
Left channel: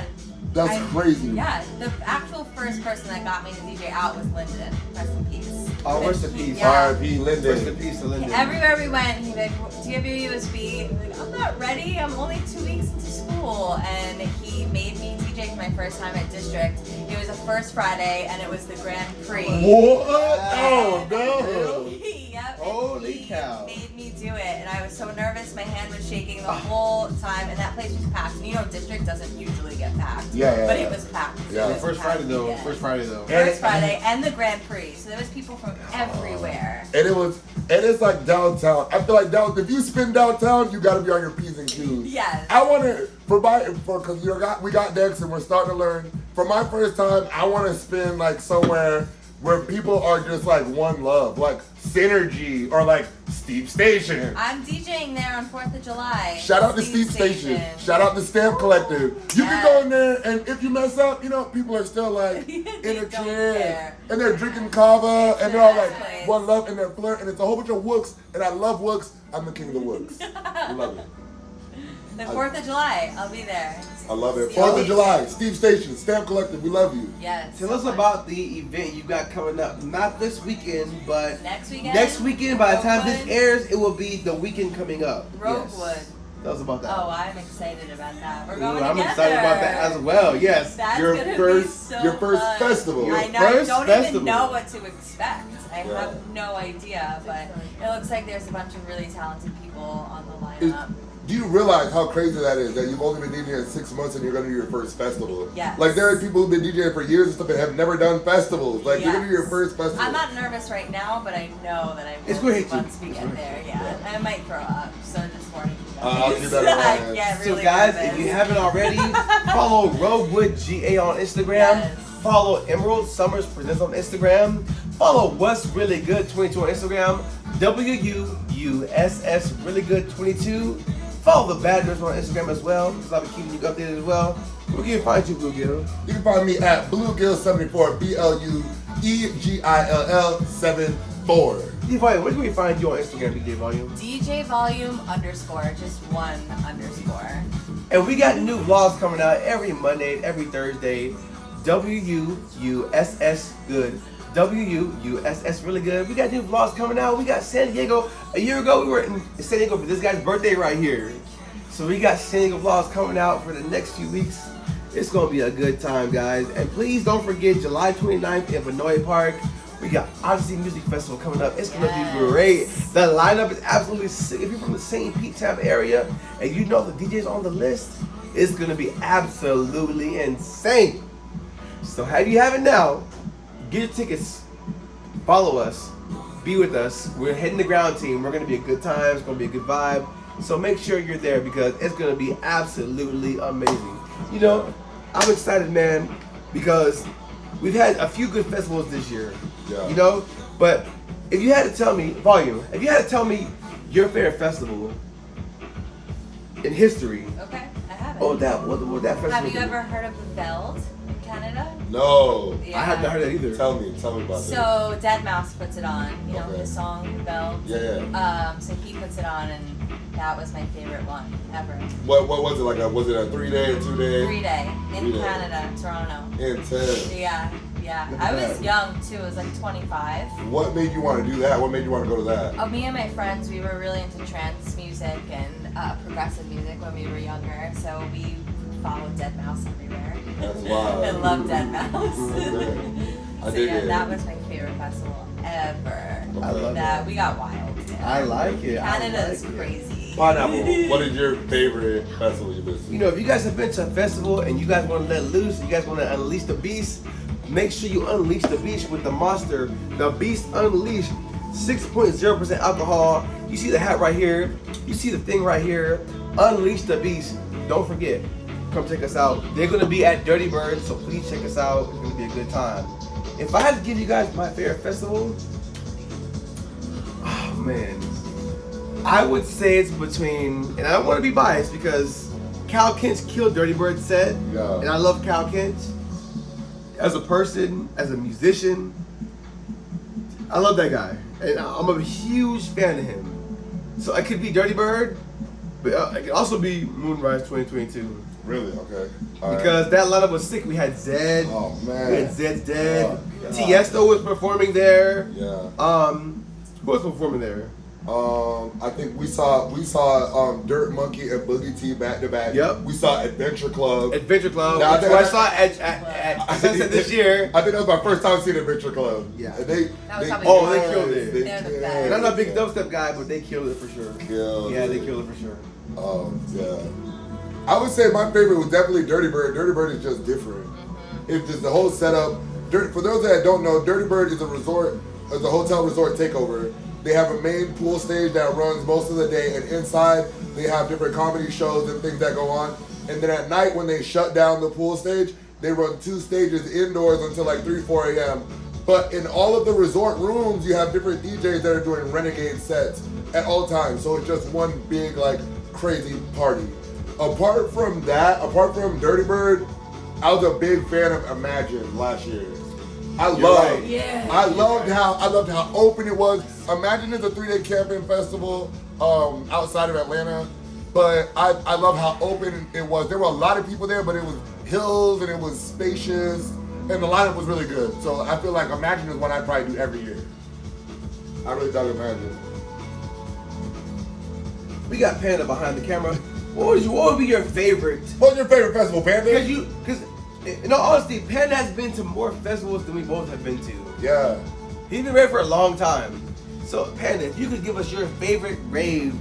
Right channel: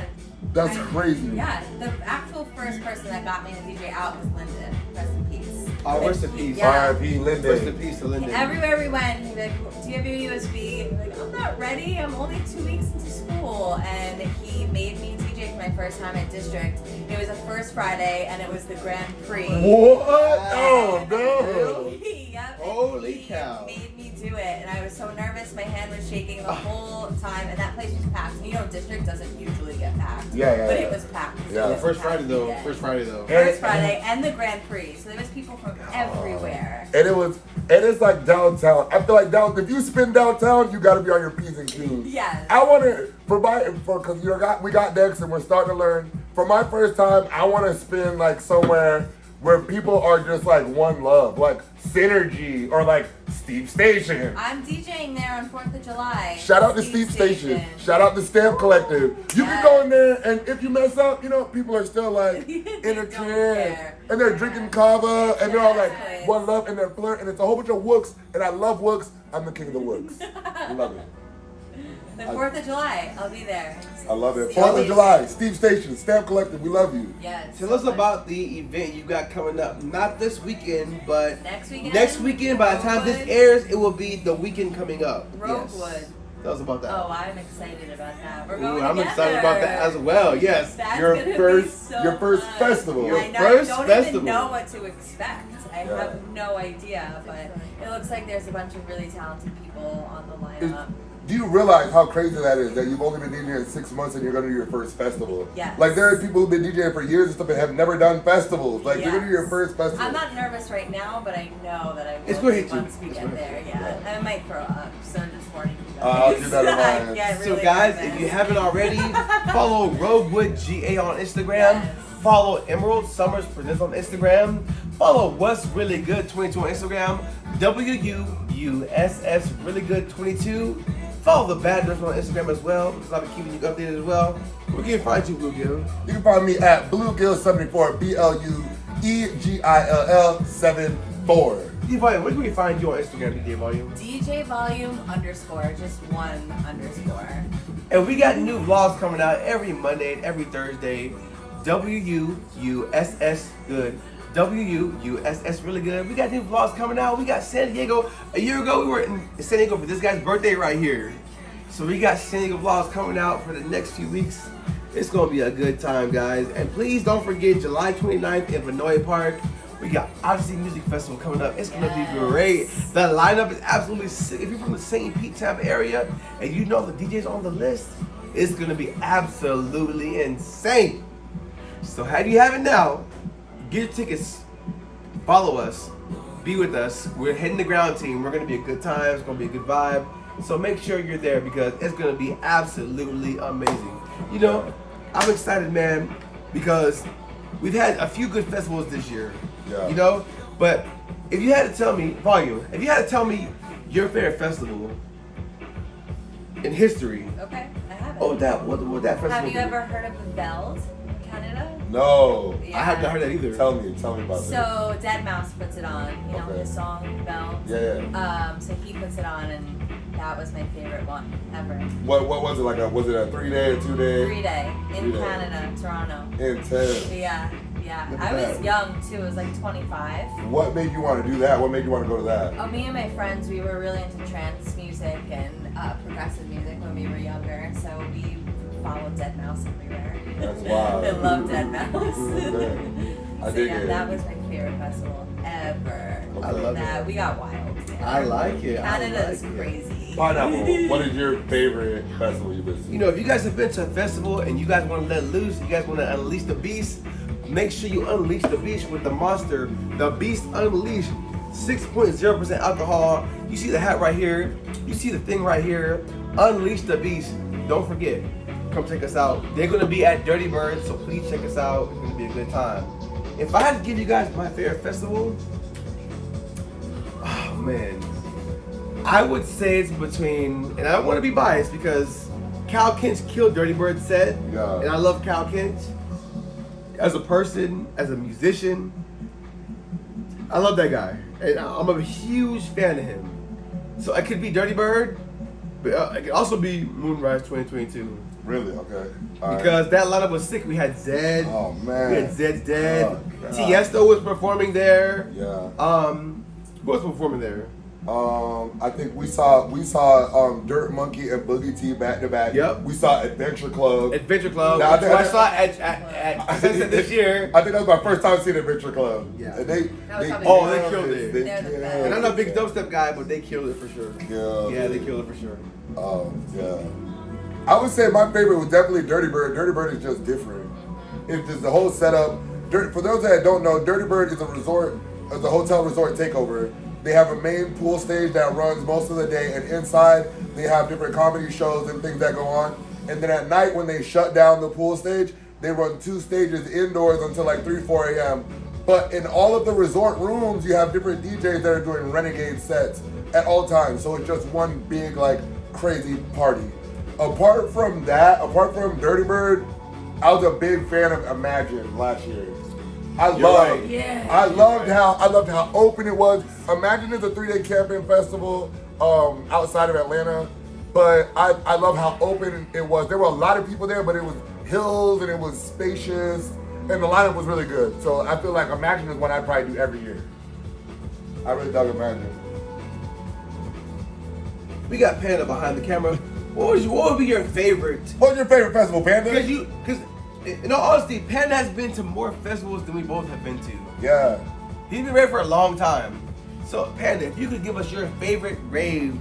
That's crazy. Yeah, the actual first person that got me to DJ out was Lyndon. Rest in peace. Oh, rest in peace. Yeah. R.I.P. Rest in Linden. peace to Lyndon. Everywhere we went, he'd be like, do you have your USB? I'm like, I'm not ready. I'm only 2 weeks into school. And he made me DJ for my first time at District. It was a first Friday, and it was the Grand Prix. What? Oh no. Yep, and Holy he cow. made me do it, and I was so nervous. My hand was shaking the whole time, and that place was packed. And you know, District doesn't usually get packed. Yeah. But it was packed. Yeah. It The was first packed Friday though. weekend. First Friday though. First Friday and the Grand Prix. So there was people from everywhere. And it's like downtown. I feel like if you spin downtown, you gotta be on your P's and Q's. Yes. I wanna because we got decks and we're starting to learn. For my first time, I wanna spin like somewhere where people are just like one love, like Synergy or like Steve Station. I'm DJing there on 4th of July. Shout out to Steve Station. Shout out to Stamp Collective. You can go in there and if you mess up, you know, people are still like They in a don't trance. care. And they're drinking kava and they're all like Exactly. one love and they're flirting. And it's a whole bunch of wooks. And I love wooks. I'm the king of the wooks. Love it. The 4th of July, I'll be there. I love it. Steve 4th of Station. July, Steve Station, Stamp Collective, we love you. Yes. Tell us about the event you got coming up. Not this weekend, but Next weekend. next weekend. By the time this Roguewood. airs, it will be the weekend coming up. Roguewood. Yes. Tell us about that. Oh, I'm excited about that. We're Ooh, going I'm together. excited about that as well. Yes. That's Your gonna first- be so your first fun. festival. Your I know, first I don't festival. even know what to expect. I Yeah. have no idea, but it looks like there's a bunch of really talented people on the lineup. Do you realize how crazy that is? That you've only been DJing 6 months and you're gonna do your first festival. Yes. Like there are people who've been DJing for years and stuff and have never done festivals. Like you're gonna do your Yes. first festival. I'm not nervous right now, but I know that I will It's gonna hit you. once we It's get gonna there. hit you. Yeah, I might throw up. So just warning you guys. I'll keep that in mind. I get So really guys, nervous. if you haven't already, follow Roguewood GA on Instagram. Yes. Follow Emerald Summers Presents on Instagram. Follow What's Really Good 22 on Instagram. WUUSS Really Good 22. Follow the Bad Nurse on Instagram as well, because I'll be keeping you updated as well. Where can you find you, Bluegill? You can find me at Bluegill74, BLUEGILL74. DJ Volume, where can we find you on Instagram, DJ Volume? DJ volume _ just one _. And we got new vlogs coming out every Monday and every Thursday. WUUSS Good. WUUSS Really Good. We got new vlogs coming out. We got San Diego. A year ago, we were in San Diego for this guy's birthday right here. So we got San Diego vlogs coming out for the next few weeks. It's going to be a good time, guys. And please don't forget July 29th in Vinoy Park. We got Odyssey Music Festival coming up. It's going to be great. The lineup is absolutely sick. If you're from the St. Pete Tampa area and you know the DJs on the list, it's going to be absolutely insane. So have you have it now. Get your tickets. Follow us. Be with us. We're heading the ground team. We're going to be a good time. It's going to be a good vibe. So make sure you're there because it's going to be absolutely amazing. You know, I'm excited, man, because we've had a few good festivals this year. Yeah. You know, but if you had to tell me, Volume, if you had to tell me your favorite festival in history, Okay, I have it. what would that festival Have you be? ever heard of the Veld? No. Yeah. I have not heard that either. Tell me about that. So Deadmau5 puts it on, you know, Okay. his song Bell. Yeah. So he puts it on, and that was my favorite one ever. What was it like? Was it a 3-day or 2-day? 3-day in 3-day. Canada, Toronto. Intense. Yeah. Look I at was that. young too. I was like 25. What made you want to do that? What made you want to go to that? Oh, me and my friends, we were really into trance music and progressive music when we were younger. So we followed Deadmau5 everywhere. That's wild. I love Deadmau5. Okay. I So dig yeah, it. that was my favorite festival ever. I love that. it. We got wild. I like it. Canada's I like it. crazy. Pineapple, what is your favorite festival you've been to? You know, if you guys have been to a festival and you guys want to let loose, you guys want to unleash the beast, make sure you unleash the beast with the Monster, the Beast Unleashed, 6.0% alcohol. You see the hat right here. You see the thing right here. Unleash the beast. Don't forget, come check us out. They're going to be at Dirty Bird, so please check us out. It's going to be a good time. If I had to give you guys my favorite festival, oh man, I would say it's between, and I don't want to be biased because Cal Kent's killed Dirty Bird set, Yeah. and I love Cal Kent. As a person, as a musician, I love that guy, and I'm a huge fan of him. So it could be Dirty Bird, but it could also be Moonrise 2022 Really? Okay. All right. because that lineup was sick. We had Zed, Oh man. we had Zed's Dead, Oh, God. Tiesto was performing there. Yeah. Who was performing there? I think we saw Dirt Monkey and Boogie T back to back. Yep. We saw Adventure Club. Adventure Club, Now, which I saw at Sunset this year. I think that was my first time seeing Adventure Club. Yeah. And they That was probably Oh, they killed it. They're the best. And I'm not a big dubstep guy, but they killed it for sure. Yeah. Yeah, they killed it for sure. Yeah. I would say my favorite was definitely Dirty Bird. Dirty Bird is just different. It's just the whole setup. For those that don't know, Dirty Bird is a resort, is a hotel resort takeover. They have a main pool stage that runs most of the day, and inside they have different comedy shows and things that go on. And then at night when they shut down the pool stage, they run 2 stages indoors until like 3, 4 a.m. But in all of the resort rooms, you have different DJs that are doing renegade sets at all times. So it's just one big like crazy party. Apart from that, apart from Dirty Bird, I was a big fan of Imagine last year. I loved how open it was. Imagine it's a 3-day camping festival outside of Atlanta, but I love how open it was. There were a lot of people there, but it was hills and it was spacious, and the lineup was really good. So I feel like Imagine is one I'd probably do every year. I really dug Imagine. We got Panda behind the camera. What would be your favorite? What's your favorite festival, Panda? Because in all honesty, Panda has been to more festivals than we both have been to. Yeah. He's been ready for a long time. So Panda, if you could give us your favorite rave,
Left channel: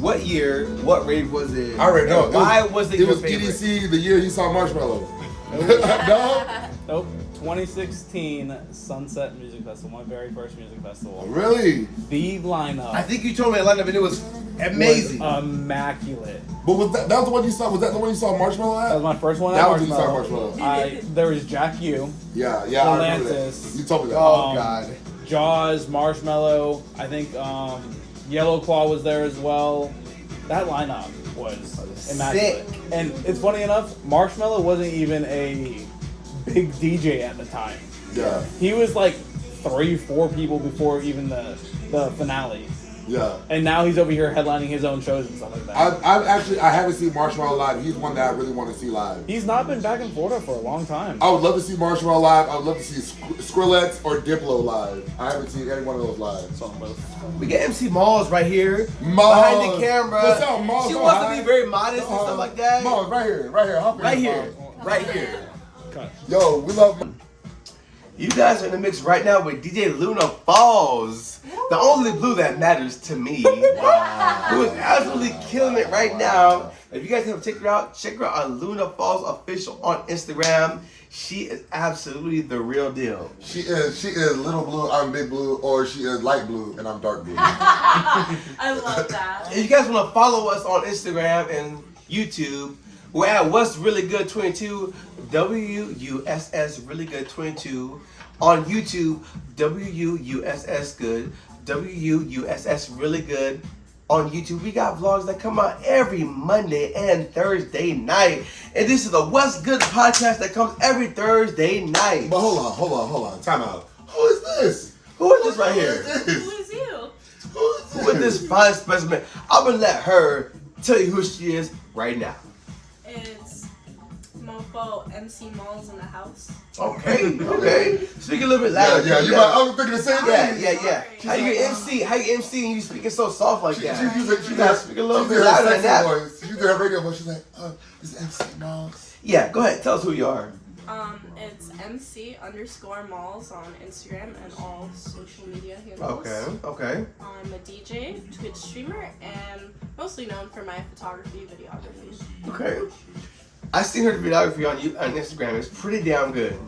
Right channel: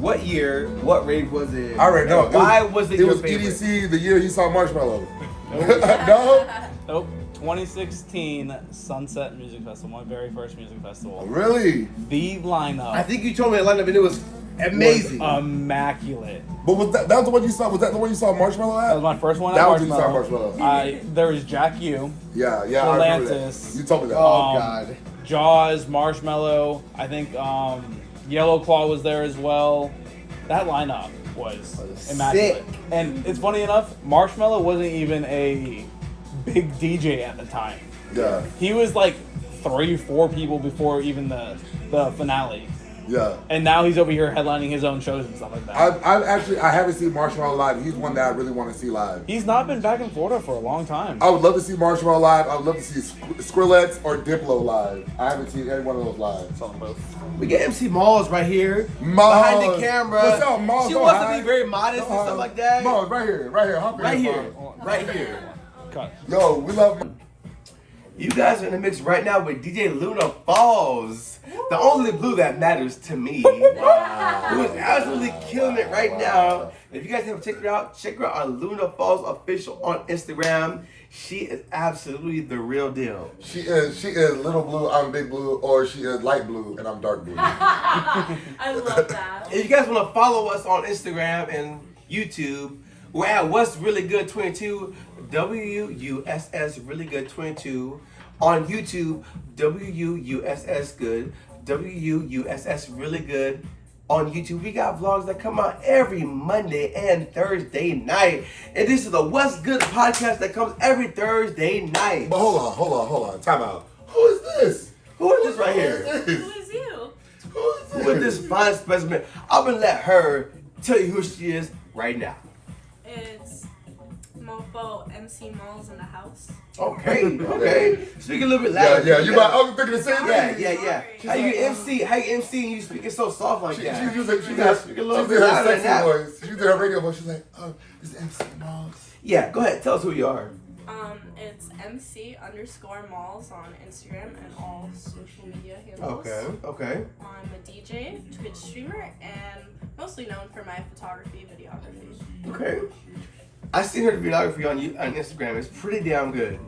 what year, what rave was it? I already know. And why was it your favorite? EDC the year he saw Marshmallow. No? Nope. 2016 Sunset Music Festival, my very first music festival. Really? The lineup. I think you told me the lineup and it was amazing. was immaculate. But was that was the one you saw? Was that the one you saw Marshmallow That at? was my first one. That at was when you saw Marshmallow. There was Jack U, Yeah, I remember that. Atlantis. You told me that. Oh God. Jaws, Marshmallow. I think Yellow Claw was there as well. That lineup was immaculate. sick. And it's funny enough, Marshmallow wasn't even a big DJ at the time. Yeah, He was like 3-4 people before even the finale. yeah. And now he's over here headlining his own shows and stuff like that. I haven't seen Marshmallow live. He's one that I really want to see live. He's not been back in Florida for a long time. I would love to see Marshmallow live. I would love to see Skrillex or Diplo live. I haven't seen any one of those live. We got MC Mollz right here Mollz. behind the camera. What's up, Mollz? She Go wants high. to be very modest and stuff like that. Mollz, right here. Hop in Right here, here, right here. Cut. Yo, we love. You guys are in the mix right now with DJ Luna Falls, the only blue that matters to me. Wow. Who is absolutely killing it right now. If you guys haven't checked her out on Luna Falls Official on Instagram. She is absolutely the real deal. She is little blue. I'm big blue, or she is light blue and I'm dark blue. I love that. If you guys want to follow us on Instagram and YouTube, we're at What's Really Good 22, WUSS Really Good 22. On YouTube, WUSS Good, WUSS Really Good. on YouTube. We got vlogs that come out every Monday and Thursday night. And this is the What's Good podcast that comes every Thursday night. But hold on. Time out. Who is this? Who is this right here? Who is you? Who is this fine specimen? I'm going to let her tell you who she is right now. It's Mofo MC Mollz in the house. Okay. Speak a little bit louder. Yeah. You might. I was thinking the same thing. Yeah. How you MC? How you MC and you speaking so soft like that? She gotta speak a little did bit her louder than sexy that. voice. She did her radio voice. She's like, it's MC Mollz. Yeah, go ahead. Tell us who you are. It's MC_Mollz on Instagram and all social media handles. Okay. I'm a DJ, Twitch streamer, and mostly known for my photography, videography. Okay. I seen her videography on Instagram. It's pretty damn good.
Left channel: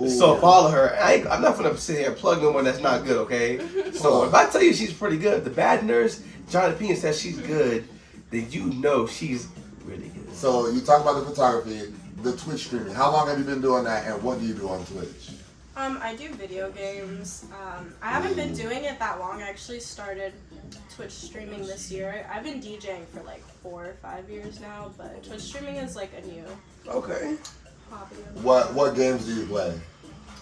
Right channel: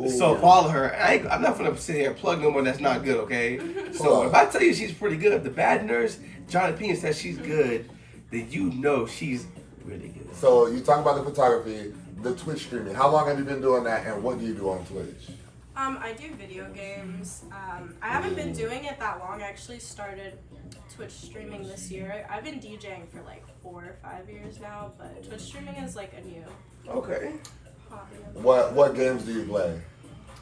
Ooh. So follow her. I'm not gonna sit here and plug in one that's not good, okay? So if I tell you she's pretty good, the bad nurse, Jonny and Blue says she's good, then you know she's really good. So you talk about the photography, the Twitch streaming. How long have you been doing that, and what do you do on Twitch? I do video games. I haven't been doing it that long. I actually started Twitch streaming this year. I've been DJing for like 4 or 5 years now, but Twitch streaming is like a new Okay. hobby. What games do you play?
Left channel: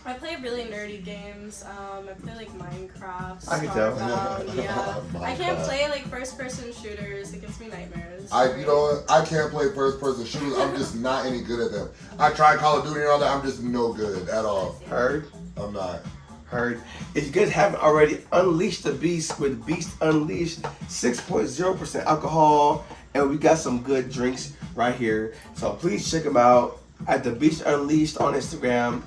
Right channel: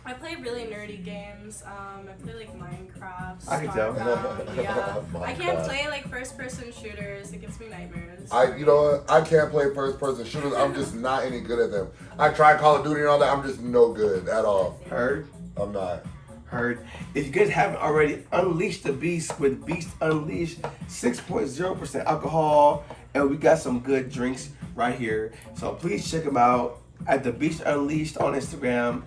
I play really nerdy games. I play like Minecraft. I can tell. Starbound, yeah. I can't Minecraft. play like first-person shooters. It gives me nightmares. You know what? I can't play first-person shooters. I'm just not any good at them. I tried Call of Duty and all that. I'm just no good at all. Heard. Heard. If you guys haven't already, Unleash the Beast with Beast Unleashed, 6.0% alcohol, and we got some good drinks right here. So please check them out at the Beast Unleashed on Instagram.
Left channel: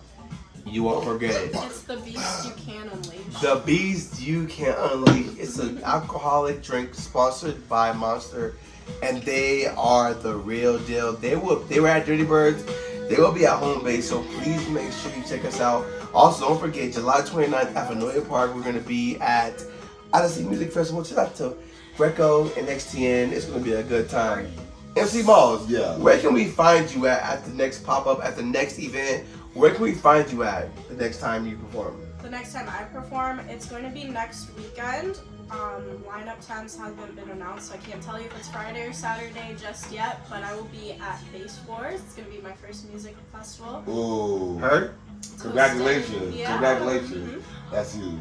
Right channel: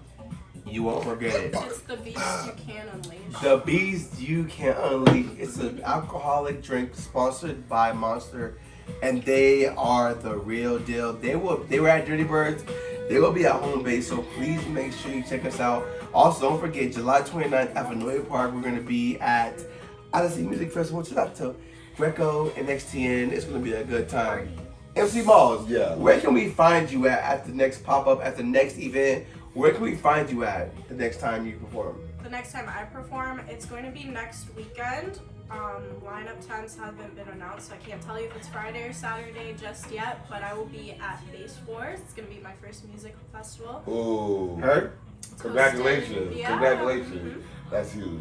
You won't forget it. It's the beast you can unleash. The Beast You Can Unleash. It's an alcoholic drink sponsored by Monster, and they are the real deal. They were at Dirty Birds. They will be at home base, so please make sure you check us out. Also, don't forget, July 29th at Vanoia Park, we're going to be at Odyssey Music Festival. Shout out to Greco and XTN. It's going to be a good time. MC Mollz, Yeah. where can we find you at the next pop-up, at the next event? Where can we find you at the next time you perform? The next time I perform, it's going to be next weekend. Lineup times haven't been announced, so I can't tell you if it's Friday or Saturday just yet, but I will be at Bass Wars. It's going to be my first music festival. Ooh. Heard? Congratulations. Yeah. Congratulations. That's huge.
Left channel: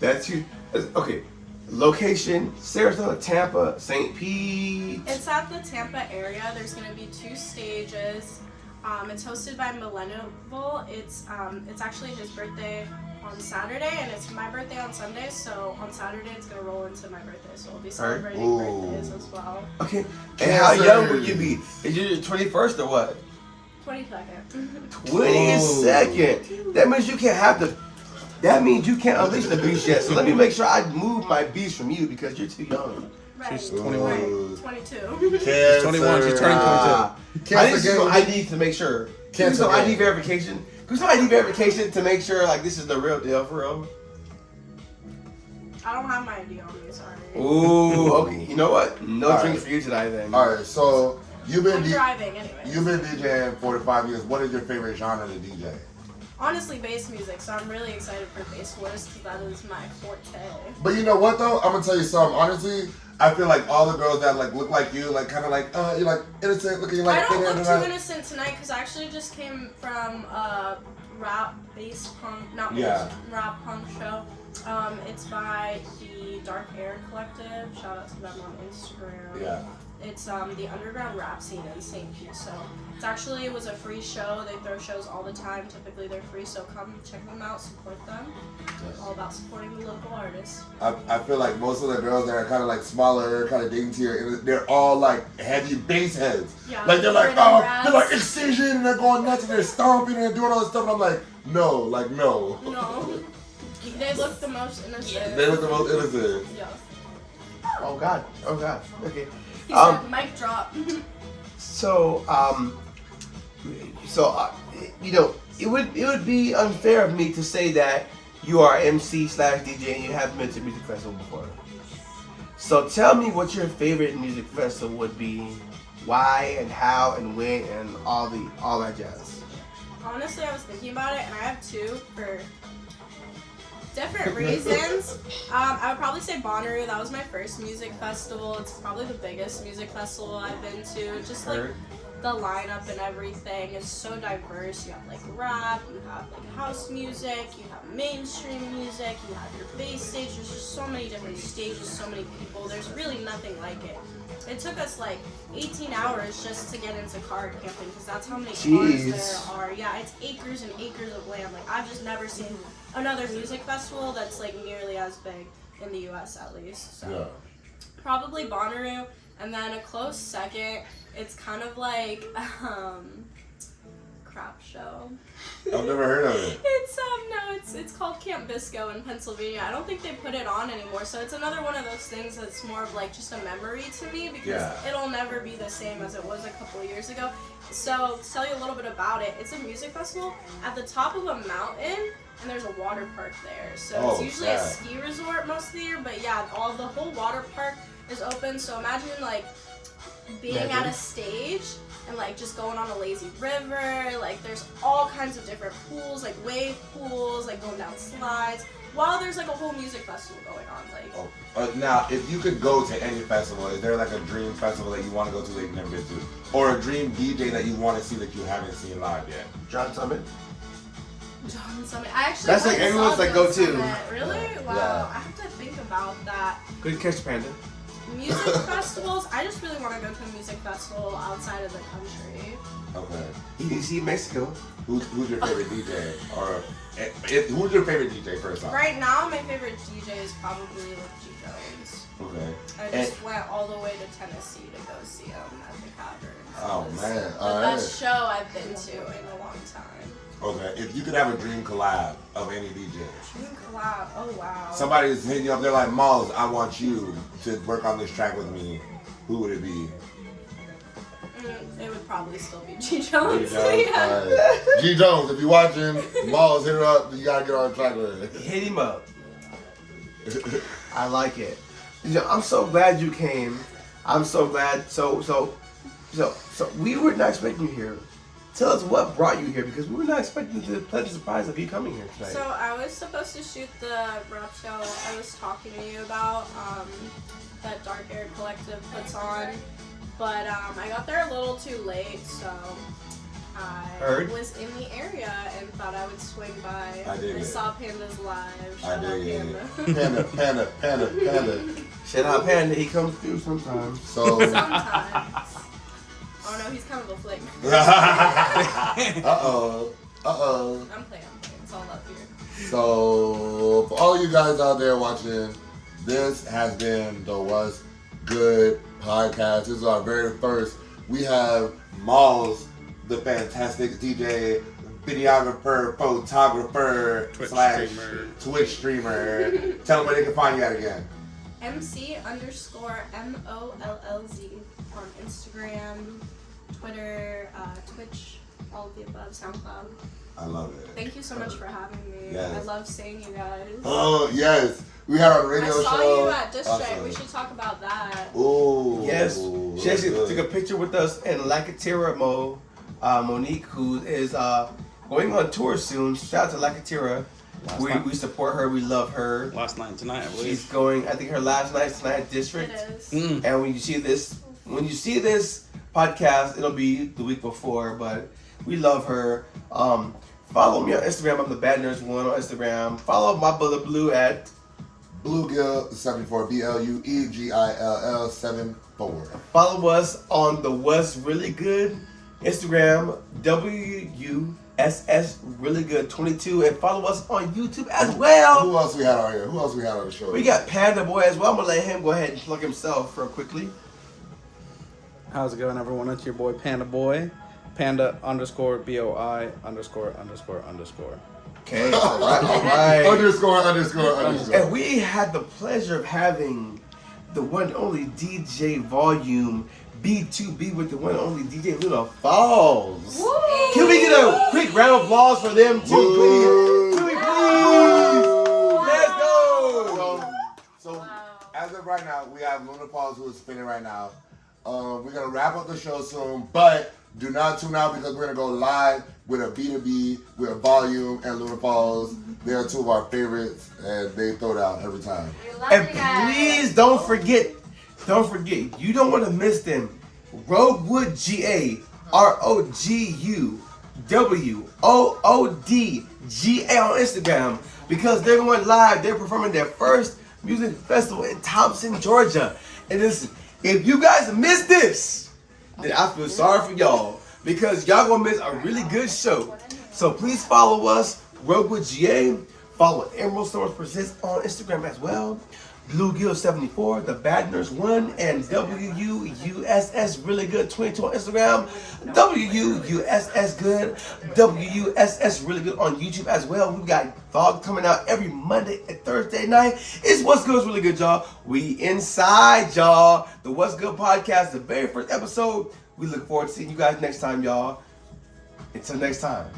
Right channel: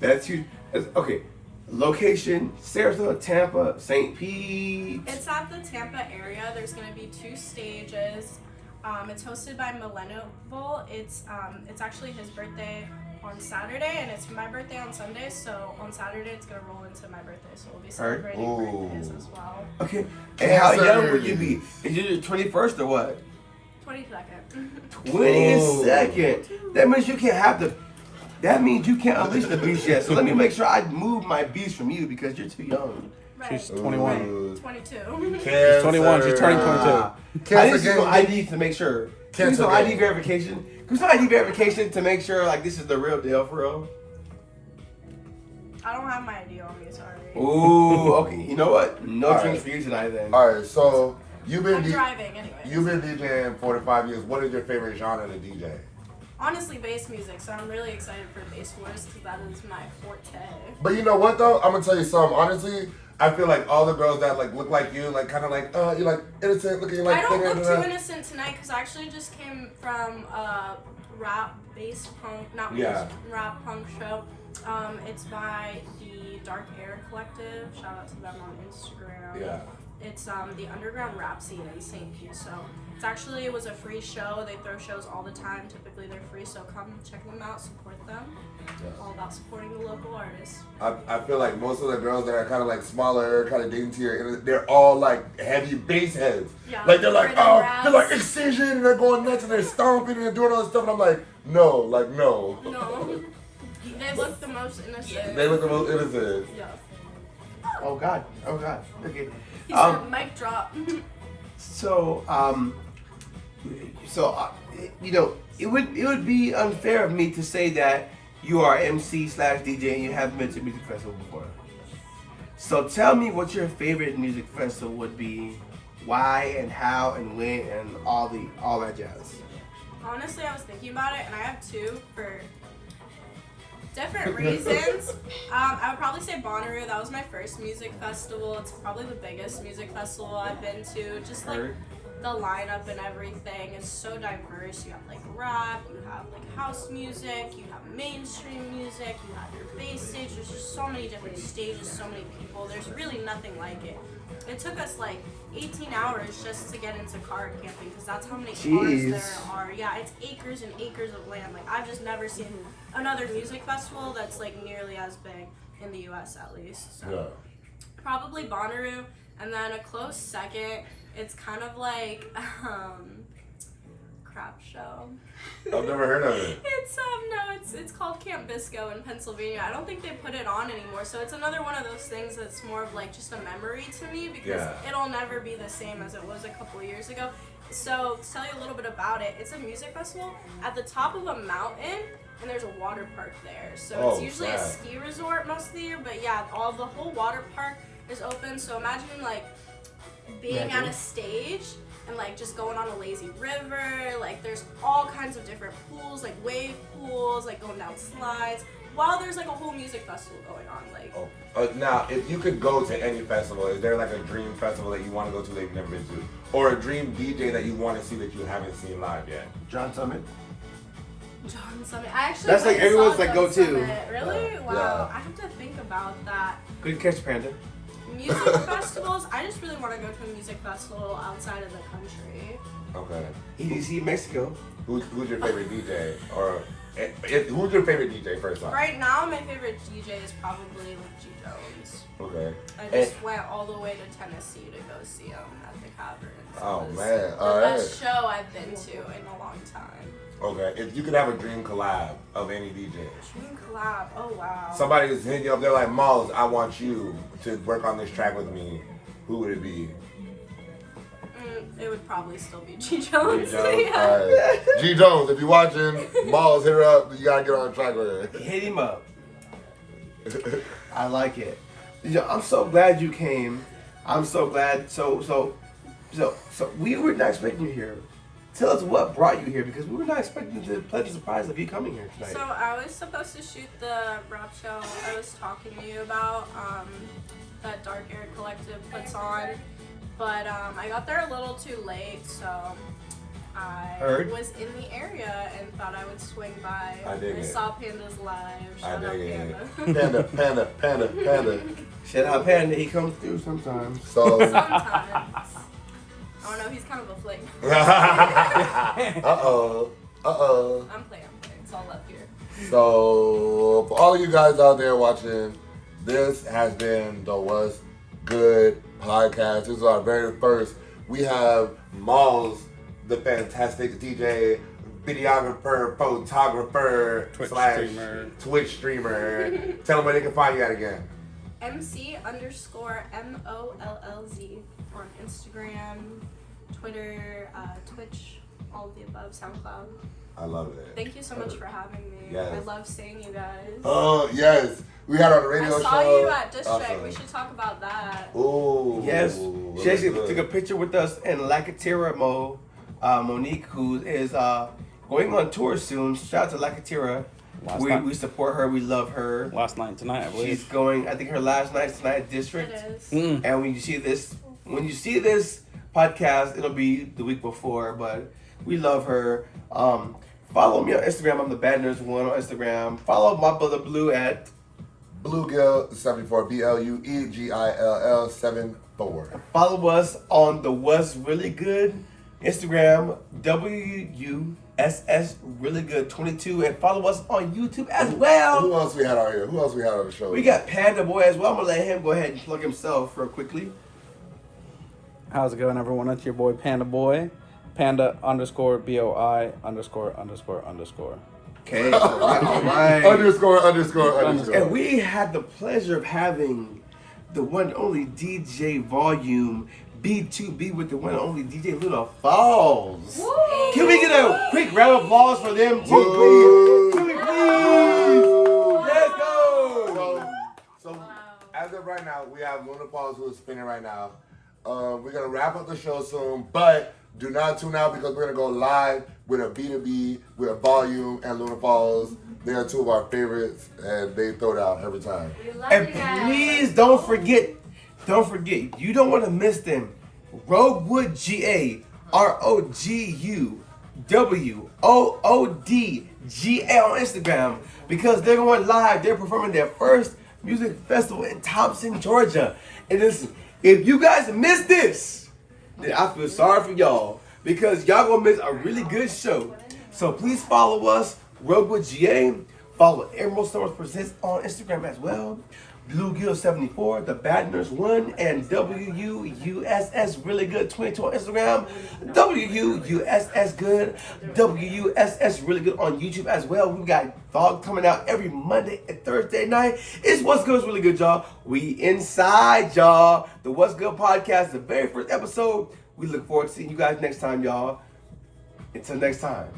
That's you. Okay. Location, Sarasota, Tampa, St. Pete. It's at the Tampa area. There's going to be 2 stages. It's hosted by Millennial. It's actually his birthday on Saturday, and it's my birthday on Sunday. So on Saturday, it's gonna roll into my birthday. So we'll be celebrating Ooh. birthdays as well. Okay. And how young will you be? Is you the 21st or what? 22nd. 22nd. That means you can't have the. That means you can't unleash the beast yet. So let me make sure I move my beast from you because you're too young. Right. She's 21. Right. 22. Cancer. 21, she's turning 22. I need some ID to make sure. Can you some ID game. verification? Can some ID verification to make sure like this is the real deal for real? I don't have my ID on me. Sorry. Ooh, okay. You know what? No All drinks right. for you tonight then. All right, so you've been I'm driving anyway. you've been DJing 4 to 5 years. What is your favorite genre to DJ? Honestly, bass music. So I'm really excited for Bass Wars because that is my forte. But you know what though? I'm gonna tell you something. Honestly, I feel like all the girls that like look like you, like kind of like you're like innocent looking like. I don't look too innocent tonight because I actually just came from a rap bass punk, not Yeah. bass, rap punk show. It's by the Dark Air Collective. Shout out to them on Instagram. Yeah. It's the underground rap scene in St. Pete. So it was a free show. They throw shows all the time. Typically they're free. So come check them out, support them. It's all about supporting the local artists. I feel like most of the girls that are kind of like smaller, kind of daintier, they're all like heavy bass heads. Yeah, Like they're like, rhythm oh, raps. they're like Excision and they're going nuts and they're stomping and they're doing all this stuff. And I'm like, no, like no. No. They look the most innocent. They look the most innocent. Yeah. Oh God. Okay. He said mic drop. You know, it would be unfair of me to say that you are MC/DJ and you haven't been to a music festival before. So tell me what your favorite music festival would be, why and how and when and all that jazz. Honestly, I was thinking about it, and I have 2 for Different reasons. I would probably say Bonnaroo. That was my first music festival. It's probably the biggest music festival I've been to. Just like the lineup and everything is so diverse. You have like rap, you have like house music, you have mainstream music, you have your bass stage. There's just so many different stages, so many people. There's really nothing like it. It took us like 18 hours just to get into card camping because that's how many cars there are. Yeah, it's acres and acres of land. Like I've just never seen another music festival that's like nearly as big in the U.S. at least. So probably Bonnaroo, and then a close second. It's kind of like crap show. I've never heard of it. It's called Camp Bisco in Pennsylvania. I don't think they put it on anymore. So it's another one of those things that's more of like just a memory to me because it'll never be the same as it was a couple of years ago. So to tell you a little bit about it, it's a music festival at the top of a mountain and there's a water park there. So it's usually a ski resort most of the year, but yeah, the whole water park is open. So imagine like being at a stage and like just going on a lazy river, like there's all kinds of different pools, like wave pools, like going down slides, while there's like a whole music festival going on. Like now, if you could go to any festival, is there like a dream festival that you want to go to that you've never been to? Or a dream DJ that you want to see that you haven't seen live yet? John Summit. John Summit. I actually That's like everyone's like go to. Really? Wow. I have to think about that. Good catch, Panda. Music festivals, I just really want to go to a music festival outside of the country. Okay. EDC Mexico. Who's your favorite DJ? Or who's your favorite DJ first off? Right now, my favorite DJ is probably like G Jones. Okay. I just went all the way to Tennessee to go see him at the Cavern. Oh It was man! the best show I've been to in a long time. Okay, if you could have a dream collab of any DJ. Dream collab. Oh wow. Somebody is hitting you up. They're like, Mollz, I want you to work on this track with me. Who would it be? It would probably still be G Jones. G Jones. Yeah. All right. G Jones, if you're watching, Mollz, hit her up. You gotta get on track with her. Hit him up. I like it. I'm so glad you came. I'm so glad. So we were not expecting you here. Tell us what brought you here because we were not expecting the pleasant surprise of you coming here tonight. So I was supposed to shoot the rap show I was talking to you about that Dark Air Collective puts on, but I got there a little too late, so I was in the area and thought I would swing by. I saw Panda's live. Shout out Panda. Panda. Shout out Panda. He comes through sometimes. So Sometimes. Oh no, he's kind of a flick. Uh-oh. I'm playing. It's all up here. So, for all you guys out there watching, this has been the What's Good podcast. This is our very first. We have Mollz, the fantastic DJ, videographer, photographer, Twitch streamer. Tell them where they can find you at again. MC_MOLLZ on Instagram, Twitter, Twitch, all of the above, SoundCloud. I love it. Thank you so much for having me. Yes. I love seeing you guys. Oh, yes. We had on the radio show. I saw you at District. Awesome. We should talk about that. Ooh. Yes. She actually took a picture with us and Lakatira Monique, who is going on tour soon. Shout out to Lakatira. We support her. We love her. Last night and tonight, I believe. She's going. I think her last night's tonight at District. It is. And when you see this podcast, it'll be the week before. But we love her. Follow me on Instagram. I'm the Bad Nerds One on Instagram. Follow my brother Blue at Bluegill74. BLUEGILL 74. Follow us on the What's Really Good Instagram, WUSS Really Good 22, and follow us on YouTube as well. Who else we had on here? Who else we had on the show? We got Panda Boy as well. I'm gonna let him go ahead and plug himself real quickly. How's it going, everyone? It's your boy Panda Boy. Panda_BOI____. Okay, all right. Underscore. And we had the pleasure of having the one and only DJ Volume B2B with the one and only DJ Luna Falls. Woo! Can we get a quick round of applause for them too, please? Can we please? Let's go! So as of right now, we have Luna Falls who is spinning right now. We're gonna wrap up the show soon, but do not tune out because we're gonna go live with a B2B, with a Volume and Luna Falls. They are two of our favorites, and they throw it out every time. And please don't forget, you don't want to miss them. Roguewood GA, ROGUWOODGA on Instagram, because they're going live. They're performing their first music festival in Thompson, Georgia. And listen, if you guys miss this, then I feel sorry for y'all, because y'all gonna miss a really good show. So please follow us, Roguewood GA. Follow Emerald Summers Presents on Instagram as well. Bluegill74, The Bad Nurse 1, and WUSS Really Good 22 on Instagram. WUSS Good, WUSS Really Good on YouTube as well. We've got vlogs coming out every Monday and Thursday night. It's What's Good's Really Good, y'all. We inside, y'all. The What's Good podcast, the very first episode. We look forward to seeing you guys next time, y'all. Until next time.